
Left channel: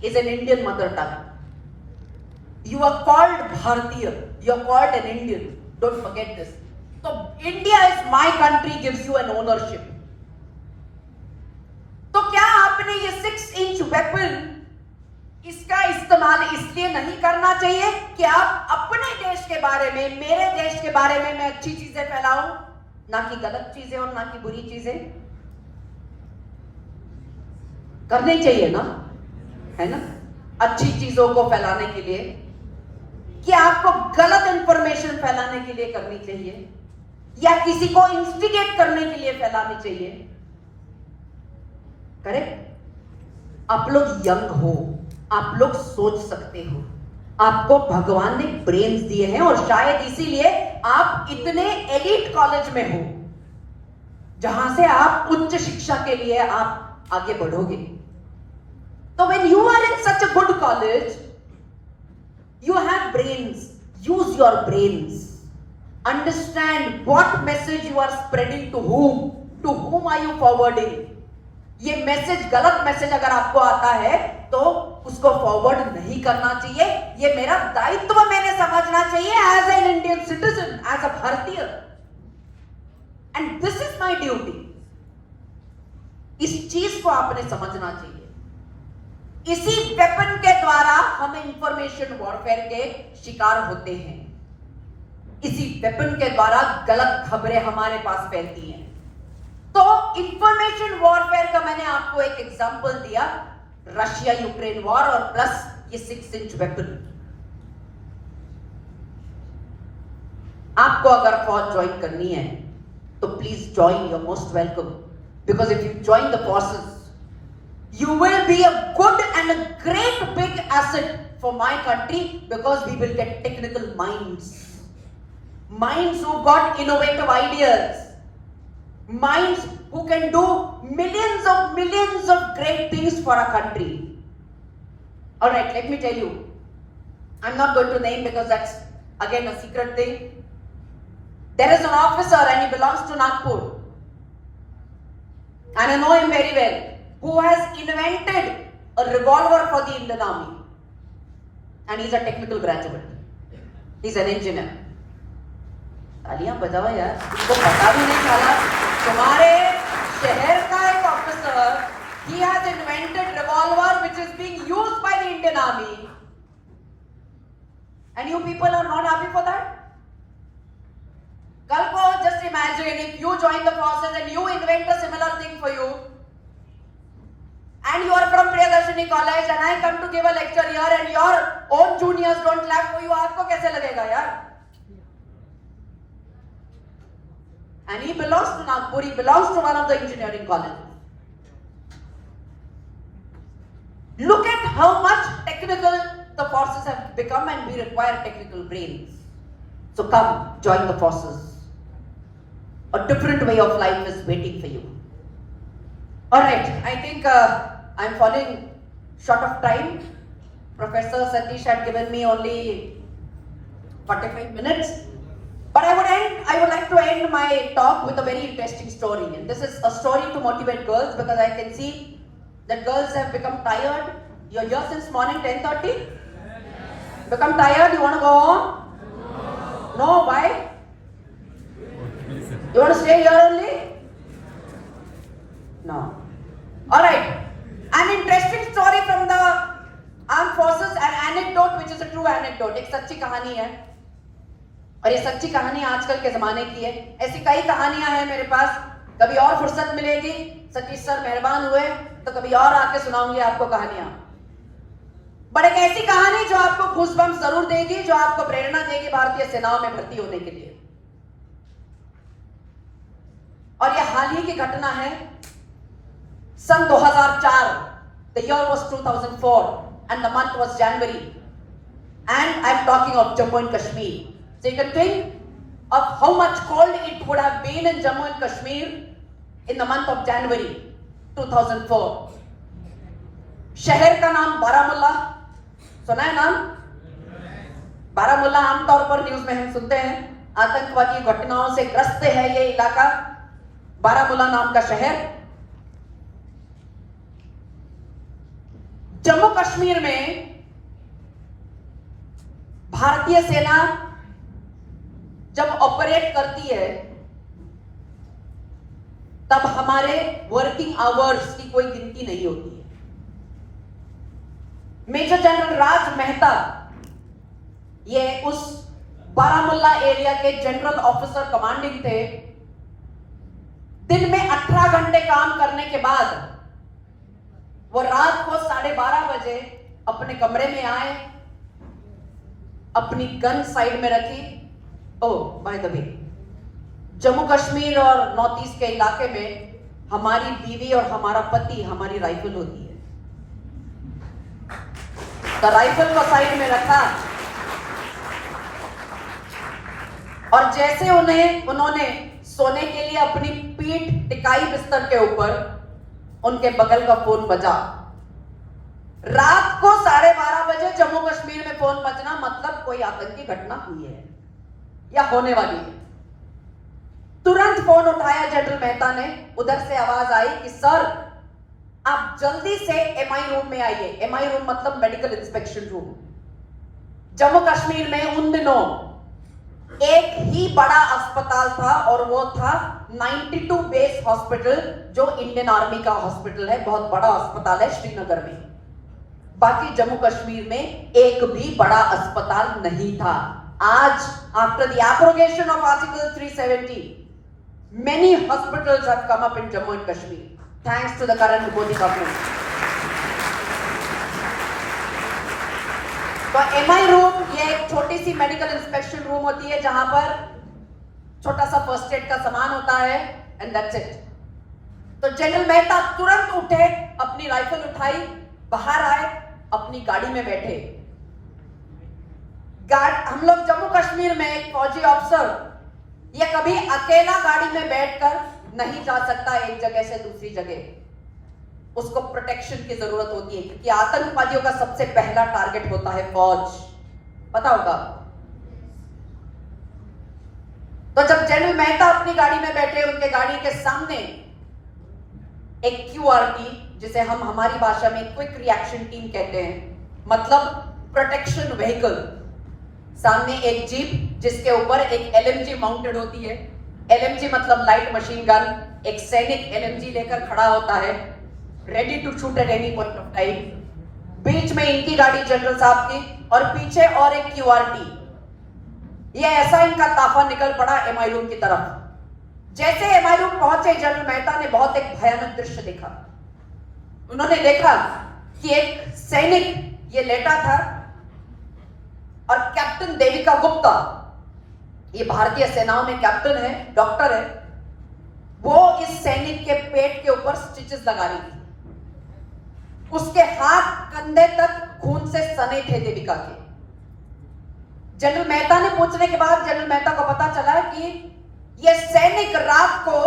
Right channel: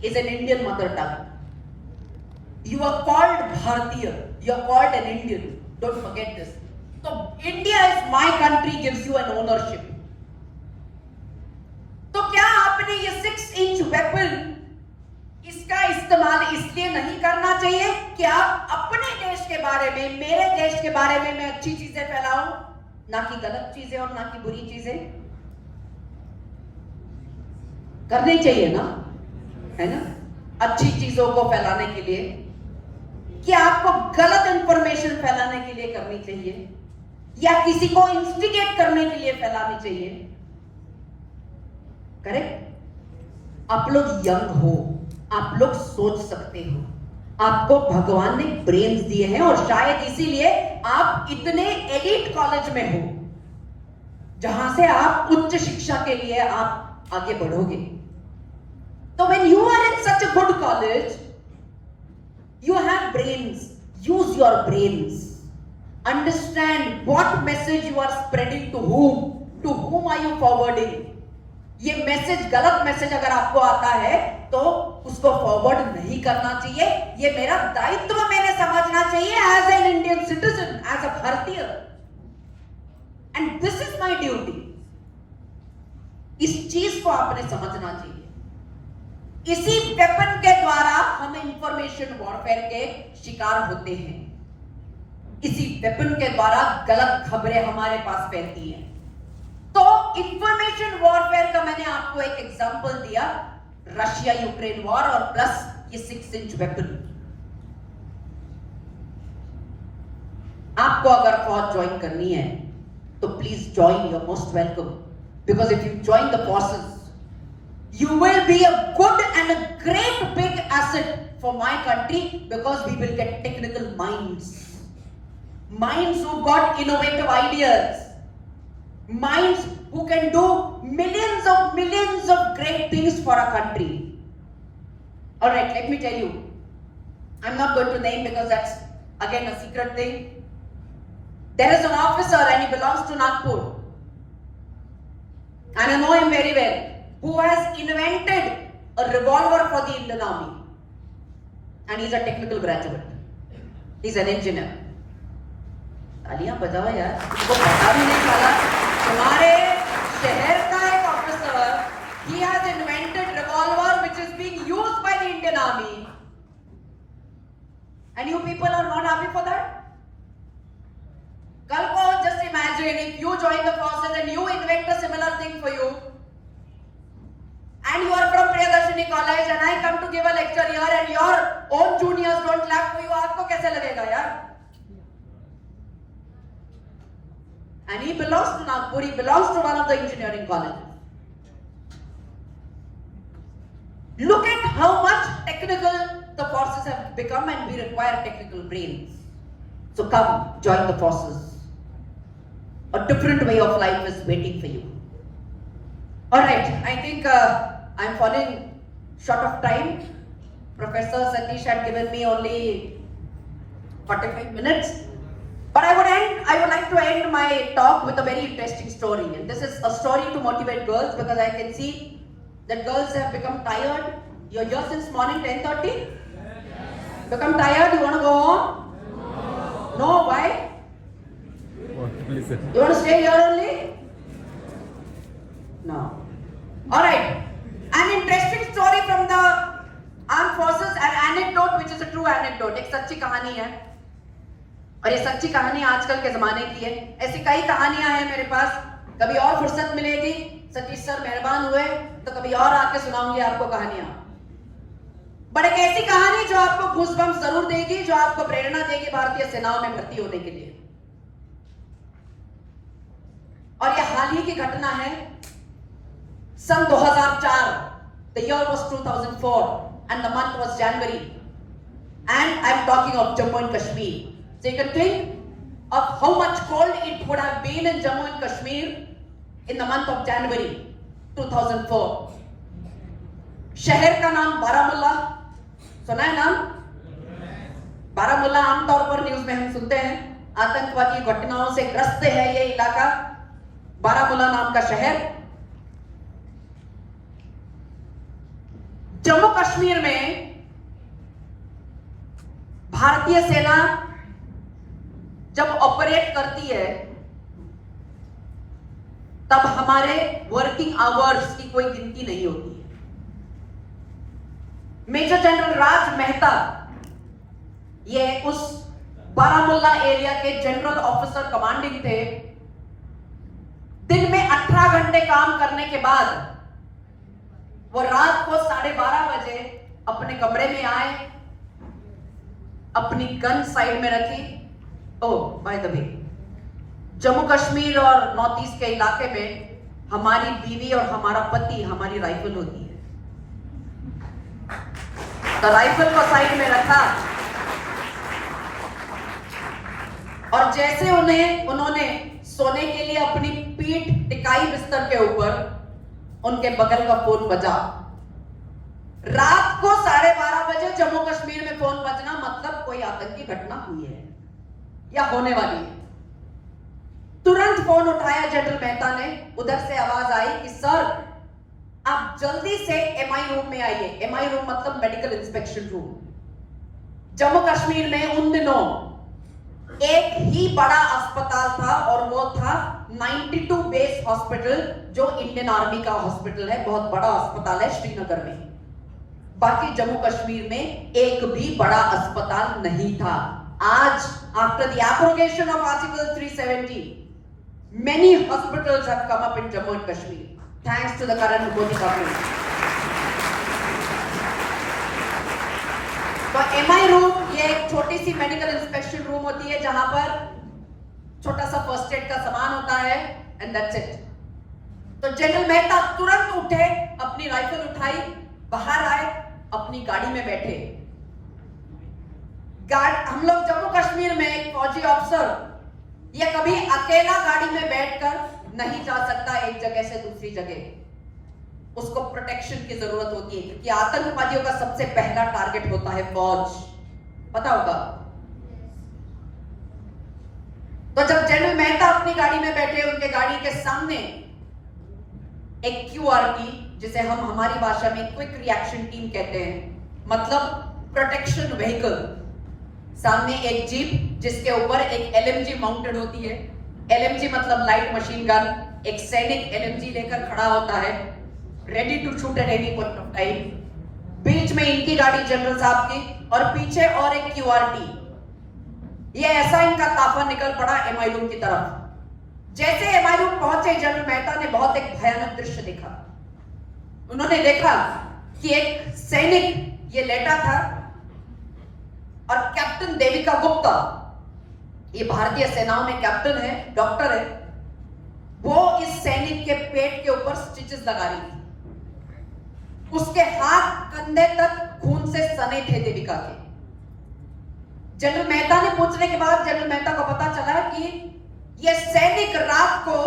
is an Indian mother tongue. You are called Bharatiya, you are called an Indian. Don't forget this. So India is my country gives you an ownership. तो क्या आपने ये 6-inch weapon इसका इस्तेमाल इसलिए नहीं करना चाहिए कि आप अपने देश के बारे में, मेरे देश के बारे में मैं अच्छी चीजें फैलाऊं, ना कि गलत चीजें और ना कि बुरी चीजें? करनी चाहिए ना, है ना? अच्छी चीजों को फैलाने के लिए, कि आपको गलत इंफॉर्मेशन फैलाने के लिए करनी चाहिए या किसी को इंस्टिगेट करने के लिए फैलानी चाहिए? करेक्ट? आप लोग यंग हो, आप लोग सोच सकते हो, आपको भगवान ने ब्रेन्स दिए हैं और शायद इसीलिए आप इतने एलिट कॉलेज में हो जहां से आप उच्च शिक्षा के लिए आप आगे बढ़ोगे। तो when you are in such a good college, you have brains. Use your brains. Understand what message you are spreading to whom. To whom are you forwarding? ये मैसेज, गलत मैसेज अगर आपको आता है तो उसको फॉरवर्ड नहीं करना चाहिए। ये मेरा दायित्व मैंने समझना चाहिए as an Indian citizen, as a भारतीय, and this is my duty. इस चीज को आपने समझना चाहिए। इसी वेपन के द्वारा हम इंफॉर्मेशन वॉरफेयर के शिकार होते हैं। इसी वेपन के द्वारा गलत खबरें हमारे पास फैलती हैं। तो इंफॉर्मेशन वॉरफेयर का मैंने आपको एक एग्जांपल दिया, रशिया यूक्रेन वॉर और प्लस ये 6-inch वेपन। आपको अगर फौज ज्वाइन करनी है तो please join, you are most welcome, because if you join the forces you will be a good and a great big asset for my country, because we will get technical minds who got innovative ideas, minds who can do millions of great things for our country. All right, let me tell you, I'm not going to name because that's again a secret thing. There is an officer and he belongs to Nagpur, and I know him very well, who has invented a revolver for the Indian Army, and he's a technical graduate, he's an engineer. तालियां बजाओ यार, इसको पता भी नहीं चला। तुम्हारे शहर का एक officer, he has invented revolver which is being used by the Indian Army, and you people are not happy for that? कल को just imagine if you join the forces and you invent a similar thing for you, and you are from Priyadarshini College and I come to give a lecture here and your own juniors don't clap for you, आपको कैसे लगेगा यार? And he belongs to Nagpur, he belongs to one of the engineering colleges. Look at how much technical the forces have become and we require technical brains. So come, join the forces. A different way of life is waiting for you. Alright, I think I'm falling short of time. Professor Satish had given me only 45 minutes. But I would like to end my talk with a very interesting story. And this is a story to motivate girls because I can see that girls have become tired. You're here since morning 10:30? Become tired? You want to go home? No, why? You want to stay here only? No. Alright. An interesting story from the armed forces, an anecdote which is a true anecdote. एक सच्ची कहानी है. और ये सच्ची कहानी आजकल के जमाने की है. ऐसी कई कहानियां हैं मेरे पास. कभी और फुर्सत मिलेगी, सतीश सर मेहरबान हुए तो कभी और आके सुनाऊंगी आपको कहानियां. बट एक ऐसी कहानी जो आपको गूज़बम्प्स जरूर देगी, जो आपको प्रेरणा देगी भारतीय सेनाओं में भर्ती होने के लिए. और ये हाल ही की घटना है. सन 2004. The year was 2004 and the month was January. And I'm talking of Jammu and Kashmir. So you can think of how much cold it would have been in Jammu and Kashmir in the month of January 2004. शहर का नाम बारामुल्ला. सुना है नाम? बारामुल्ला आमतौर पर news में हम सुनते हैं. आतंकवादी घटनाओं से ग्रस्त है ये इलाका. बारामुल्ला नाम का शहर. जम्मू कश्मीर में भारतीय सेना जब ऑपरेट करती है तब हमारे वर्किंग आवर्स की कोई गिनती नहीं होती है. मेजर जनरल राज मेहता ये उस बारामुल्ला एरिया के जनरल ऑफिसर कमांडिंग थे. दिन में 18 घंटे काम करने के बाद वो रात को 12:30 बजे अपने कमरे में आए, अपनी गन साइड में रखी. Oh by the way, Jammu Kashmir और नॉर्थ ईस्ट के इलाके में हमारी बीवी और हमारा पति हमारी राइफल होती है. तो राइफल को साइड में रखा और जैसे उन्होंने सोने के लिए अपनी पीठ टिकाई बिस्तर के ऊपर, उनके बगल का फोन बजा. रात को 12:30 बजे जम्मू कश्मीर में फोन बजना मतलब कोई आतंकी घटना हुई है या होने वाली है. तुरंत फोन उठाया जनरल मेहता ने. उधर से आवाज आई कि सर आप जल्दी से एमआई रूम में आइए. एमआई रूम मतलब medical inspection room. Jammu Kashmir में उन दिनों एक ही बड़ा अस्पताल था और वो था 92 बेस हॉस्पिटल, जो इंडियन आर्मी का हॉस्पिटल है. बहुत बड़ा अस्पताल है श्रीनगर में. बाकी जम्मू कश्मीर में एक भी बड़ा अस्पताल नहीं था. आज after the abrogation of article 370 many hospitals have come up in Jammu and Kashmir thanks to the current Modi government. तो एमआई रूम ये एक छोटी सी मेडिकल इंस्पेक्शन रूम होती है जहां पर छोटा सा फर्स्ट एड का सामान होता है एंड दैट्स इट. तो जनरल मेहता तुरंत उठे, अपनी राइफल उठाई, बाहर आए, अपनी गाड़ी में बैठे. हम लोग जम्मू कश्मीर में एक फौजी अफसर ये कभी अकेला गाड़ी में बैठकर नहीं जा सकता एक जगह से दूसरी जगह. उसको प्रोटेक्शन की जरूरत होती है क्योंकि आतंकवादियों का सबसे पहला टारगेट होता है फौज. पता होगा. तो जब जनरल मेहता अपनी गाड़ी में बैठे, उनके गाड़ी के सामने एक क्यूआरटी, जिसे हम हमारी भाषा में क्विक रिएक्शन टीम कहते हैं, मतलब प्रोटेक्शन व्हीकल. सामने एक जीप जिसके ऊपर एक एलएमजी माउंटेड होती है. एलएमजी मतलब लाइट मशीन गन. एक सैनिक एलएमजी लेकर खड़ा होता है, ready to shoot at any point of time. बीच में इनकी गाड़ी जनरल साहब की और पीछे और एक क्यूआरटी. ये ऐसा इनका ताफा निकल पड़ा एमआई रूम की तरफ। जैसे एमआई रूम पहुंचे, जनरल मेहता ने बहुत एक भयानक दृश्य देखा। उन्होंने देखा कि एक सैनिक ये लेटा था और कैप्टन देविका गुप्ता, ये भारतीय सेनाओं में कैप्टन है, डॉक्टर है, वो इस सैनिक के पेट के ऊपर स्टिचेस लगा रही थी। उसके हाथ कंधे तक खून से सने थे देविका के। जनरल मेहता ने पूछने के बाद जनरल मेहता को पता चला कि यह सैनिक रात को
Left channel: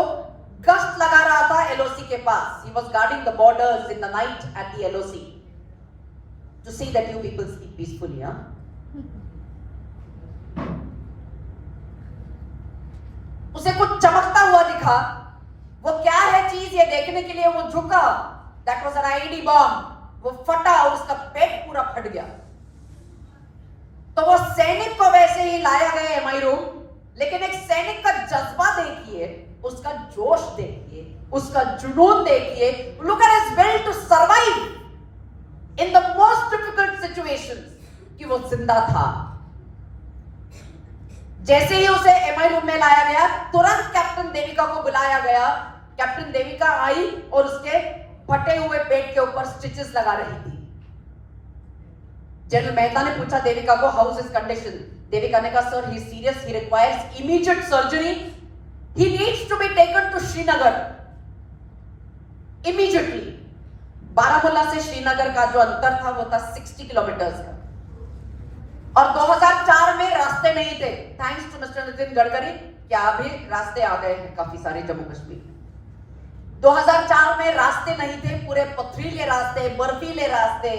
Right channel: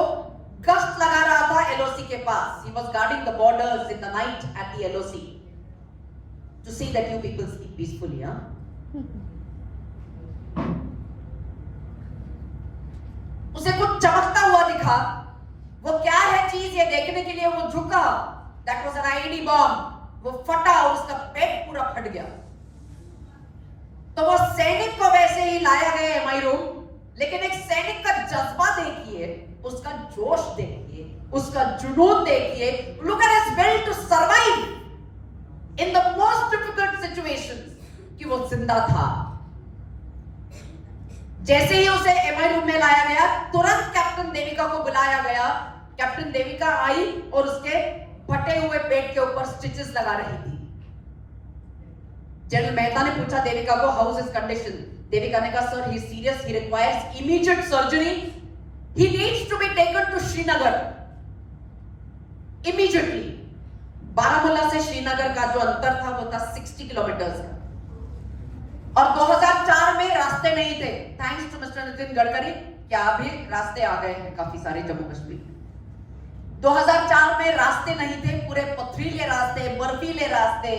गश्त लगा रहा था एलओसी के पास। He was guarding the borders in the night at the LOC to see that you people sleep peacefully, huh? उसे कुछ चमकता हुआ दिखा। वो क्या है चीज ये देखने के लिए वो झुका। That was an IED bomb. वो फटा और उसका पेट पूरा फट गया। तो वो सैनिक को वैसे ही लाया गया एमआई रूम, लेकिन एक सैनिक का जज्बा देखिए, उसका जोश देखिए, उसका जुनून देखिए। Look at his will to survive in the most difficult situations, कि वो जिंदा था। जैसे ही उसे एमआई रूम में लाया गया, तुरंत कैप्टन देविका को बुलाया गया। कैप्टन देविका आई और उसके फटे हुए पेट के ऊपर स्टिचेस लगा रही थी। जनरल मेहता ने पूछा देविका को, how is his condition? Devika ने कहा, sir he is serious, he requires immediate surgery, he needs to be taken to Srinagar immediately. Baramulla से श्रीनगर का जो अंतर था वो था 60 किलोमीटर्स का, और 2004 में रास्ते नहीं थे। Thanks to mister Nitin Gadkari, क्या अभी रास्ते आ गए हैं काफी सारे जम्मू कश्मीर। 2004 में रास्ते नहीं थे, पूरे पथरीले रास्ते, बर्फीले रास्ते।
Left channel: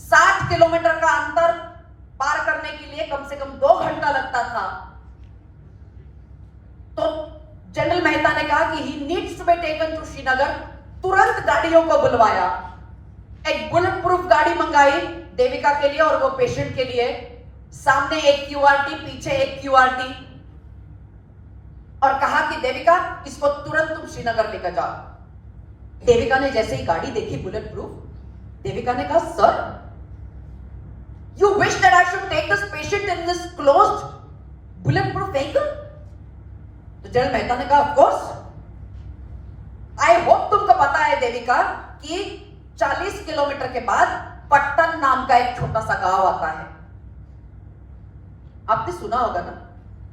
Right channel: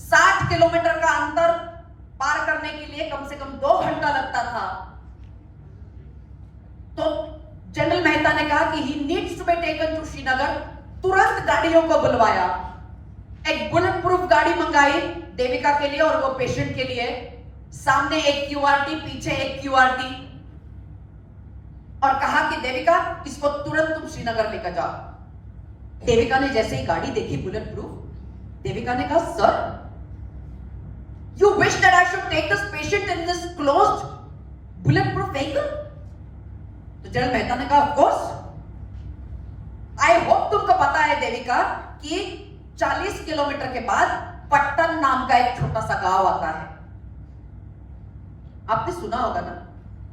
60 किलोमीटर का अंतर पार करने के लिए कम से कम 2 घंटा लगता था। तो जनरल मेहता ने कहा कि he needs to be taken to Srinagar. तुरंत गाड़ियों को बुलवाया, एक बुलेट प्रूफ गाड़ी मंगाई देविका के लिए और वो पेशेंट के लिए। सामने एक क्यूआरटी, पीछे एक क्यूआरटी, और कहा कि देविका इसको तुरंत तुम श्रीनगर लेकर जाओ। देविका ने जैसे ही गाड़ी देखी बुलेट प्रूफ, देविका ने कहा, sir you wish that I should take this patient in this closed bulletproof vehicle? तो जनरल मेहता ने कहा, of course. I hope तुमको पता है देविका कि 40 किलोमीटर के बाद पट्टन नाम का एक छोटा सा गांव आता है। आपने सुना होगा ना,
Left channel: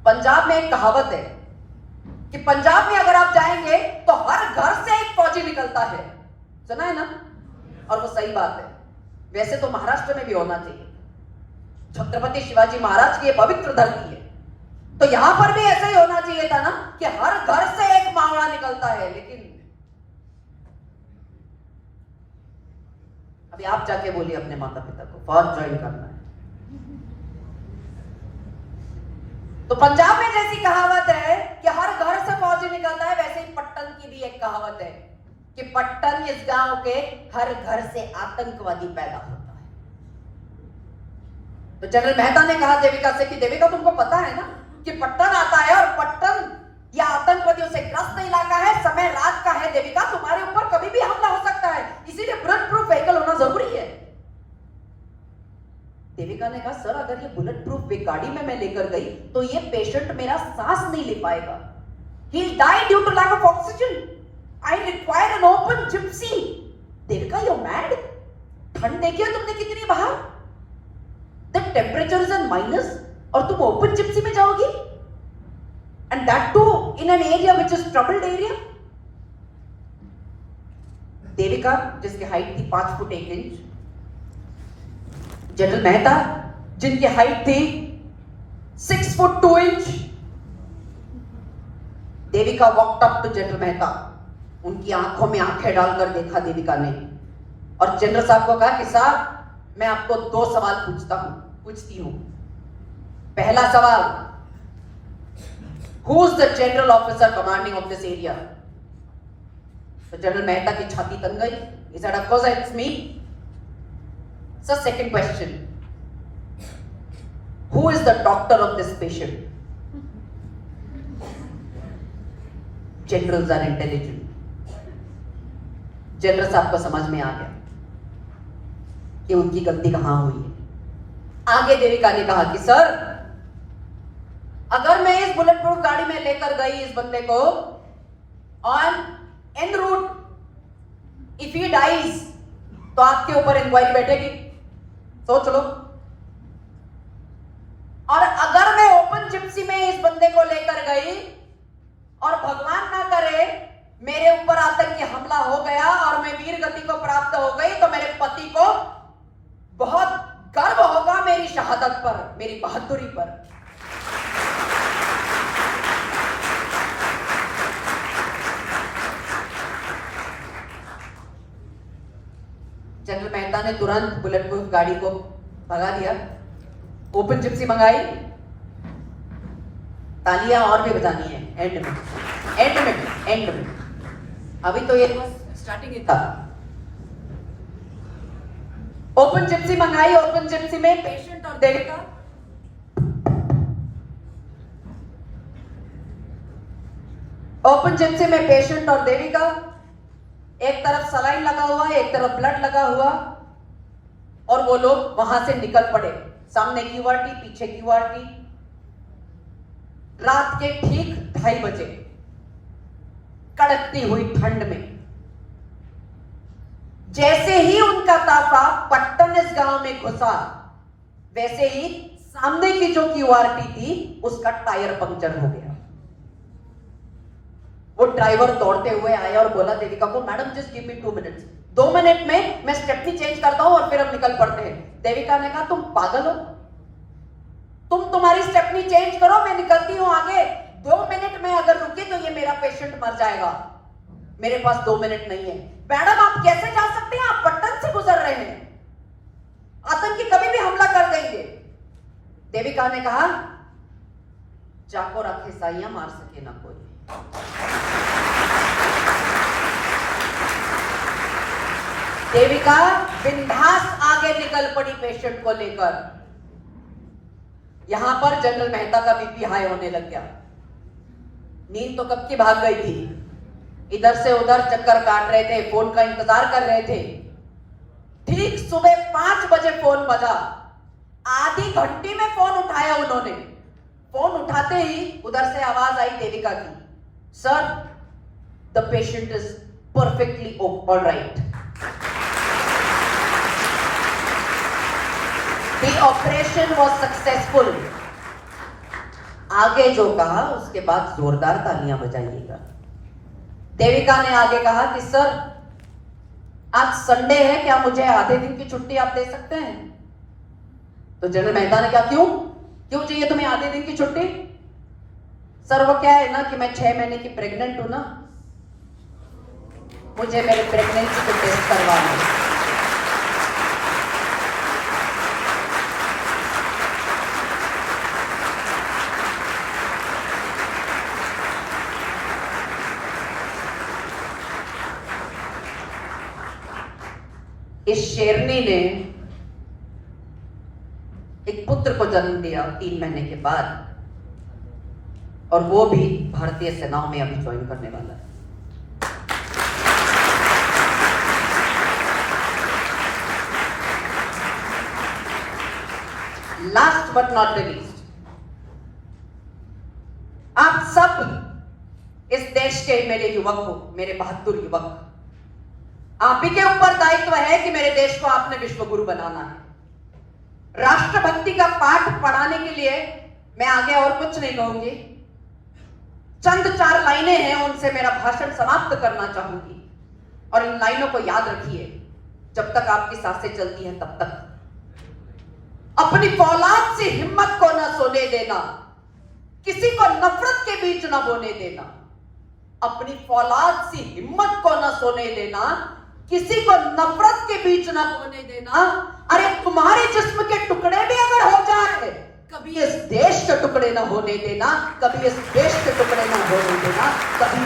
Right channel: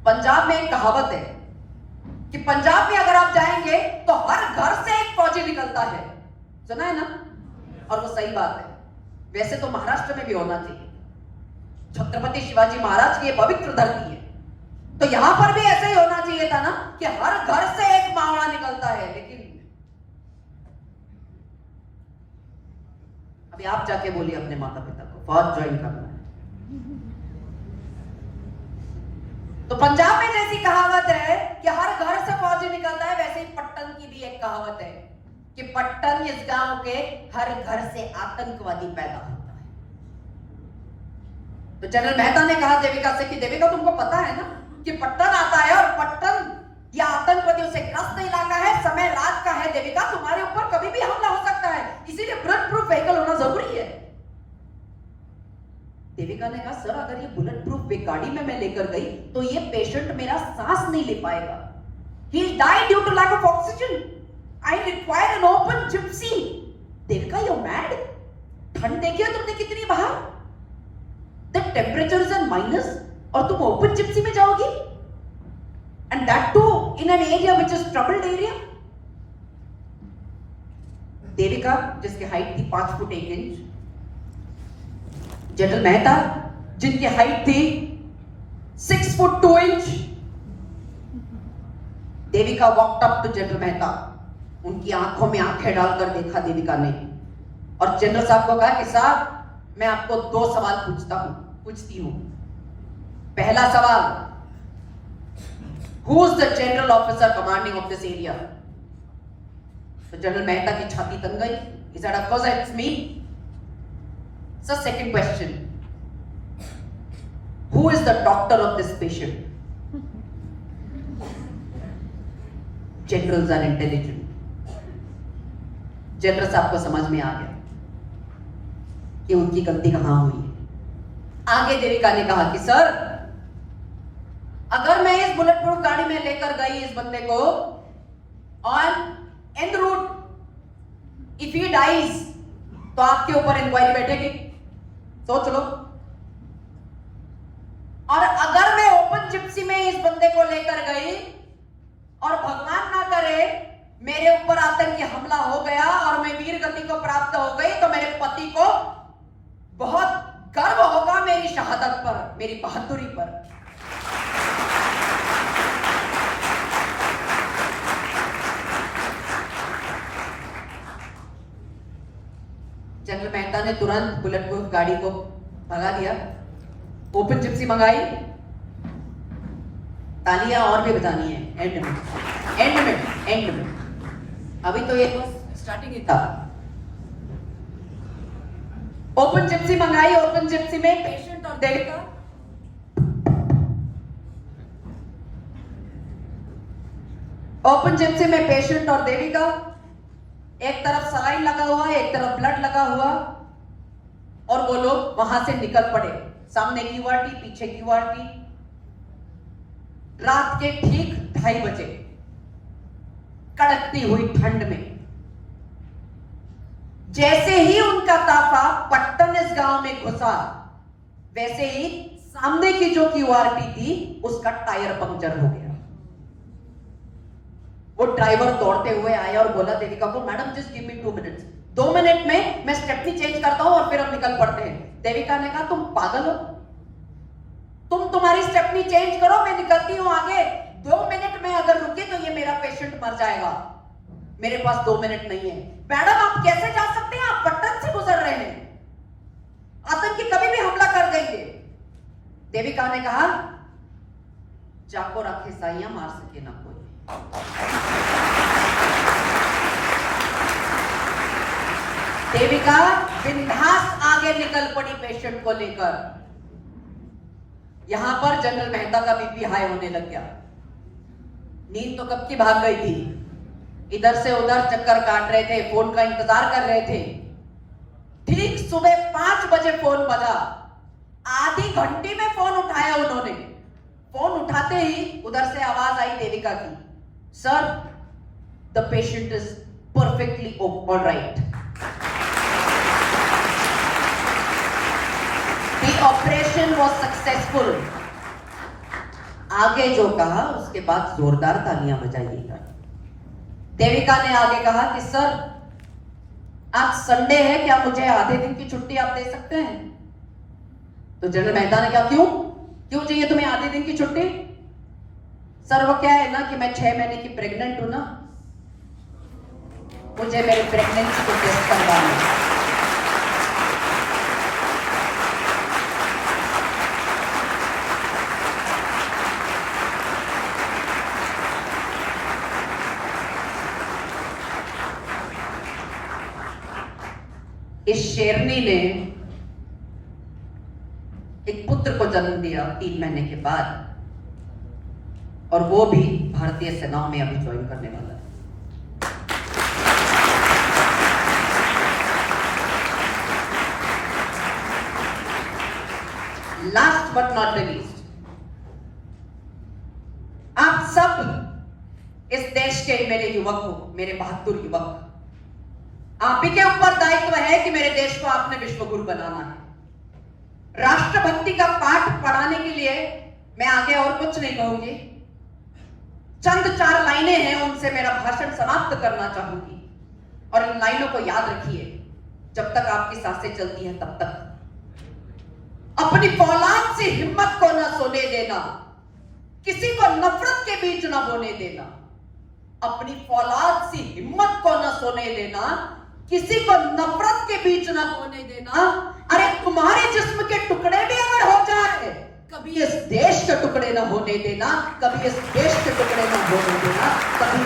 पंजाब में एक कहावत है कि पंजाब में अगर आप जाएंगे तो हर घर से एक फौजी निकलता है। सुना है ना? और वो सही बात है। वैसे तो महाराष्ट्र में भी होना चाहिए, छत्रपति शिवाजी महाराज की ये पवित्र धरती है, तो यहां पर भी ऐसा ही होना चाहिए था ना कि हर घर से एक मावड़ा निकलता है। लेकिन अभी आप जाके बोलिए अपने माता पिता को फौज ज्वाइन करना है। तो पंजाब में जैसी कहावत है कि हर घर से फौजी निकलता है, वैसे ही पट्टन की भी एक कहावत है कि पट्टन इस गांव के हर घर से आतंकवादी पैदा होता है। तो जनरल मेहता ने कहा देविका से कि देविका तुमको पता है ना कि पट्टन आता है और पट्टन या आतंकवादियों से ग्रस्त इलाका है, समय रात का है। देविका तुम्हारे ऊपर कभी भी हमला हो सकता है, इसीलिए बुलेट प्रूफ व्हीकल होना जरूरी है। देविका ने कहा, सर अगर ये बुलेट प्रूफ गाड़ी में मैं लेकर गई तो ये पेशेंट मेरा सांस नहीं ले पाएगा। He died due to lack of oxygen. I require an open gypsy. Devika you're mad? ठंड देखिए तुमने कितनी बाहर, the temperature is in minus, और तुम ओपन जिप्सी में जाओगी, and that too in an area which is troubled area। Devika जिसकी हाइट थी 5 फुट 1 इंच, जनरल मेहता जिनकी हाइट थी 6 foot 2 inch. Devika walked up to general Mehta, उनकी आंखों में आंखें डालकर देखा देविका ने, और जनरल साहब को कहा कि साहब मैं आपको 2 सवाल पूछती हूं। पहला सवाल, who is the general officer commanding of this area? तो जनरल मेहता की छाती तन गई। He said, of course it's me. So second question, who is the doctor of this patient? Generals are intelligent. General साहब को समझ में आ गया कि उनकी गलती कहां हुई है। आगे देविका ने कहा कि सर अगर मैं इस बुलेट प्रूफ गाड़ी में लेकर गई इस बंदे को on en route, if he dies तो आपके ऊपर इंक्वायरी बैठेगी, सोच लो। और अगर मैं ओपन जिप्सी में इस बंदे को लेकर गई और भगवान ना करे मेरे ऊपर आतंकी हमला हो गया और मैं वीर गति को प्राप्त हो गई, तो मेरे पति को बहुत गर्व होगा मेरी शहादत पर, मेरी बहादुरी पर। जनरल मेहता ने तुरंत बुलेट प्रूफ गाड़ी को भगा दिया, ओपन जिप्सी मंगाई, तालियां और भी बजानी है एंड में, एंड में, एंड में। अभी तो ये बस स्टार्टिंग ही था। ओपन जिप्सी मंगाई, ओपन जिप्सी में पेशेंट और देविका, ओपन जिप्सी में पेशेंट और देविका, एक तरफ सलाइन लगा हुआ है, एक तरफ ब्लड लगा हुआ, और वो लोग वहां से निकल पड़े। सामने की वार्डी, पीछे की वार्डी। रात के ठीक 2:30 बजे कड़कती हुई ठंड में जैसे ही उनका ताफा पट्टन इस गांव में घुसा, वैसे ही सामने की जो क्यूआरटी थी उसका टायर पंक्चर हो गया। वो ड्राइवर दौड़ते हुए आया और बोला देविका को, madam just give me 2 minutes, 2 minute में मैं स्टेपनी चेंज करता हूं और फिर हम निकल पड़ते हैं। देविका ने कहा, तुम पागल हो, तुम तुम्हारी स्टेपनी चेंज करो, मैं निकलती हूं आगे। 2 मिनट में अगर रुके तो ये मेरा पेशेंट मर जाएगा, मेरे पास 2 मिनट नहीं है। मैडम आप कैसे जा सकते हैं, आप पट्टन से गुजर रहे हैं, आतंकी कभी भी हमला कर देंगे। देविका ने कहा, जाको रखे साइया, मार सके ना कोई। देविका बिंदास आगे निकल पड़ी पेशेंट को लेकर। यहां पर जनरल मेहता का बीपी हाई होने लग गया। नींद तो कब की भाग गई थी, इधर से उधर चक्कर काट रहे थे, फोन का इंतजार कर रहे थे। ठीक सुबह 5 बजे फोन बजा, आधी घंटे में फोन उठाया उन्होंने। फोन उठाते ही उधर से आवाज आई देविका की, sir the patient is perfectly alright, the operation was successful. आगे जो कहा उसके बाद जोरदार तालियां बजाइएगा। देविका ने आगे कहा कि सर आज संडे है, क्या मुझे आधे दिन की छुट्टी आप दे सकते हैं? तो जनरल मेहता ने कहा, क्यों चाहिए तुम्हें आधे दिन की छुट्टी? सर वो क्या है ना कि मैं 6 महीने की प्रेग्नेंट हूं ना, मुझे मेरे प्रेगनेंसी को टेस्ट करवाना है। इस शेरनी ने एक पुत्र को जन्म दिया 3 महीने के बाद, और वो भी भारतीय सेनाओं में अभी ज्वाइन करने वाला है। Last but not the least, आप सब इस देश के मेरे युवक हो, मेरे बहादुर युवक, आप ही के ऊपर दायित्व है कि मेरे देश को आपने विश्व गुरु बनाना है। राष्ट्रभक्ति का पाठ पढ़ाने के लिए मैं आगे और कुछ नहीं कहूंगी, चंद 4 लाइनें हैं, उनसे मेरा भाषण समाप्त करना चाहूंगी। और इन लाइनों को याद रखिए, जब तक आपकी सांसें चलती हैं तब तक। अपनी फौलाद से हिम्मत को न सोने देना, किसी को नफरत के बीच न बोने देना। अपनी फौलाद से हिम्मत को न सोने देना, किसी को नफरत के बीच न होने देना। अरे तुम्हारे जिस्म के टुकड़े भी अगर हो जाए, कभी इस देश के टुकड़े न होने देना, कभी इस देश के टुकड़े न होने देना, कभी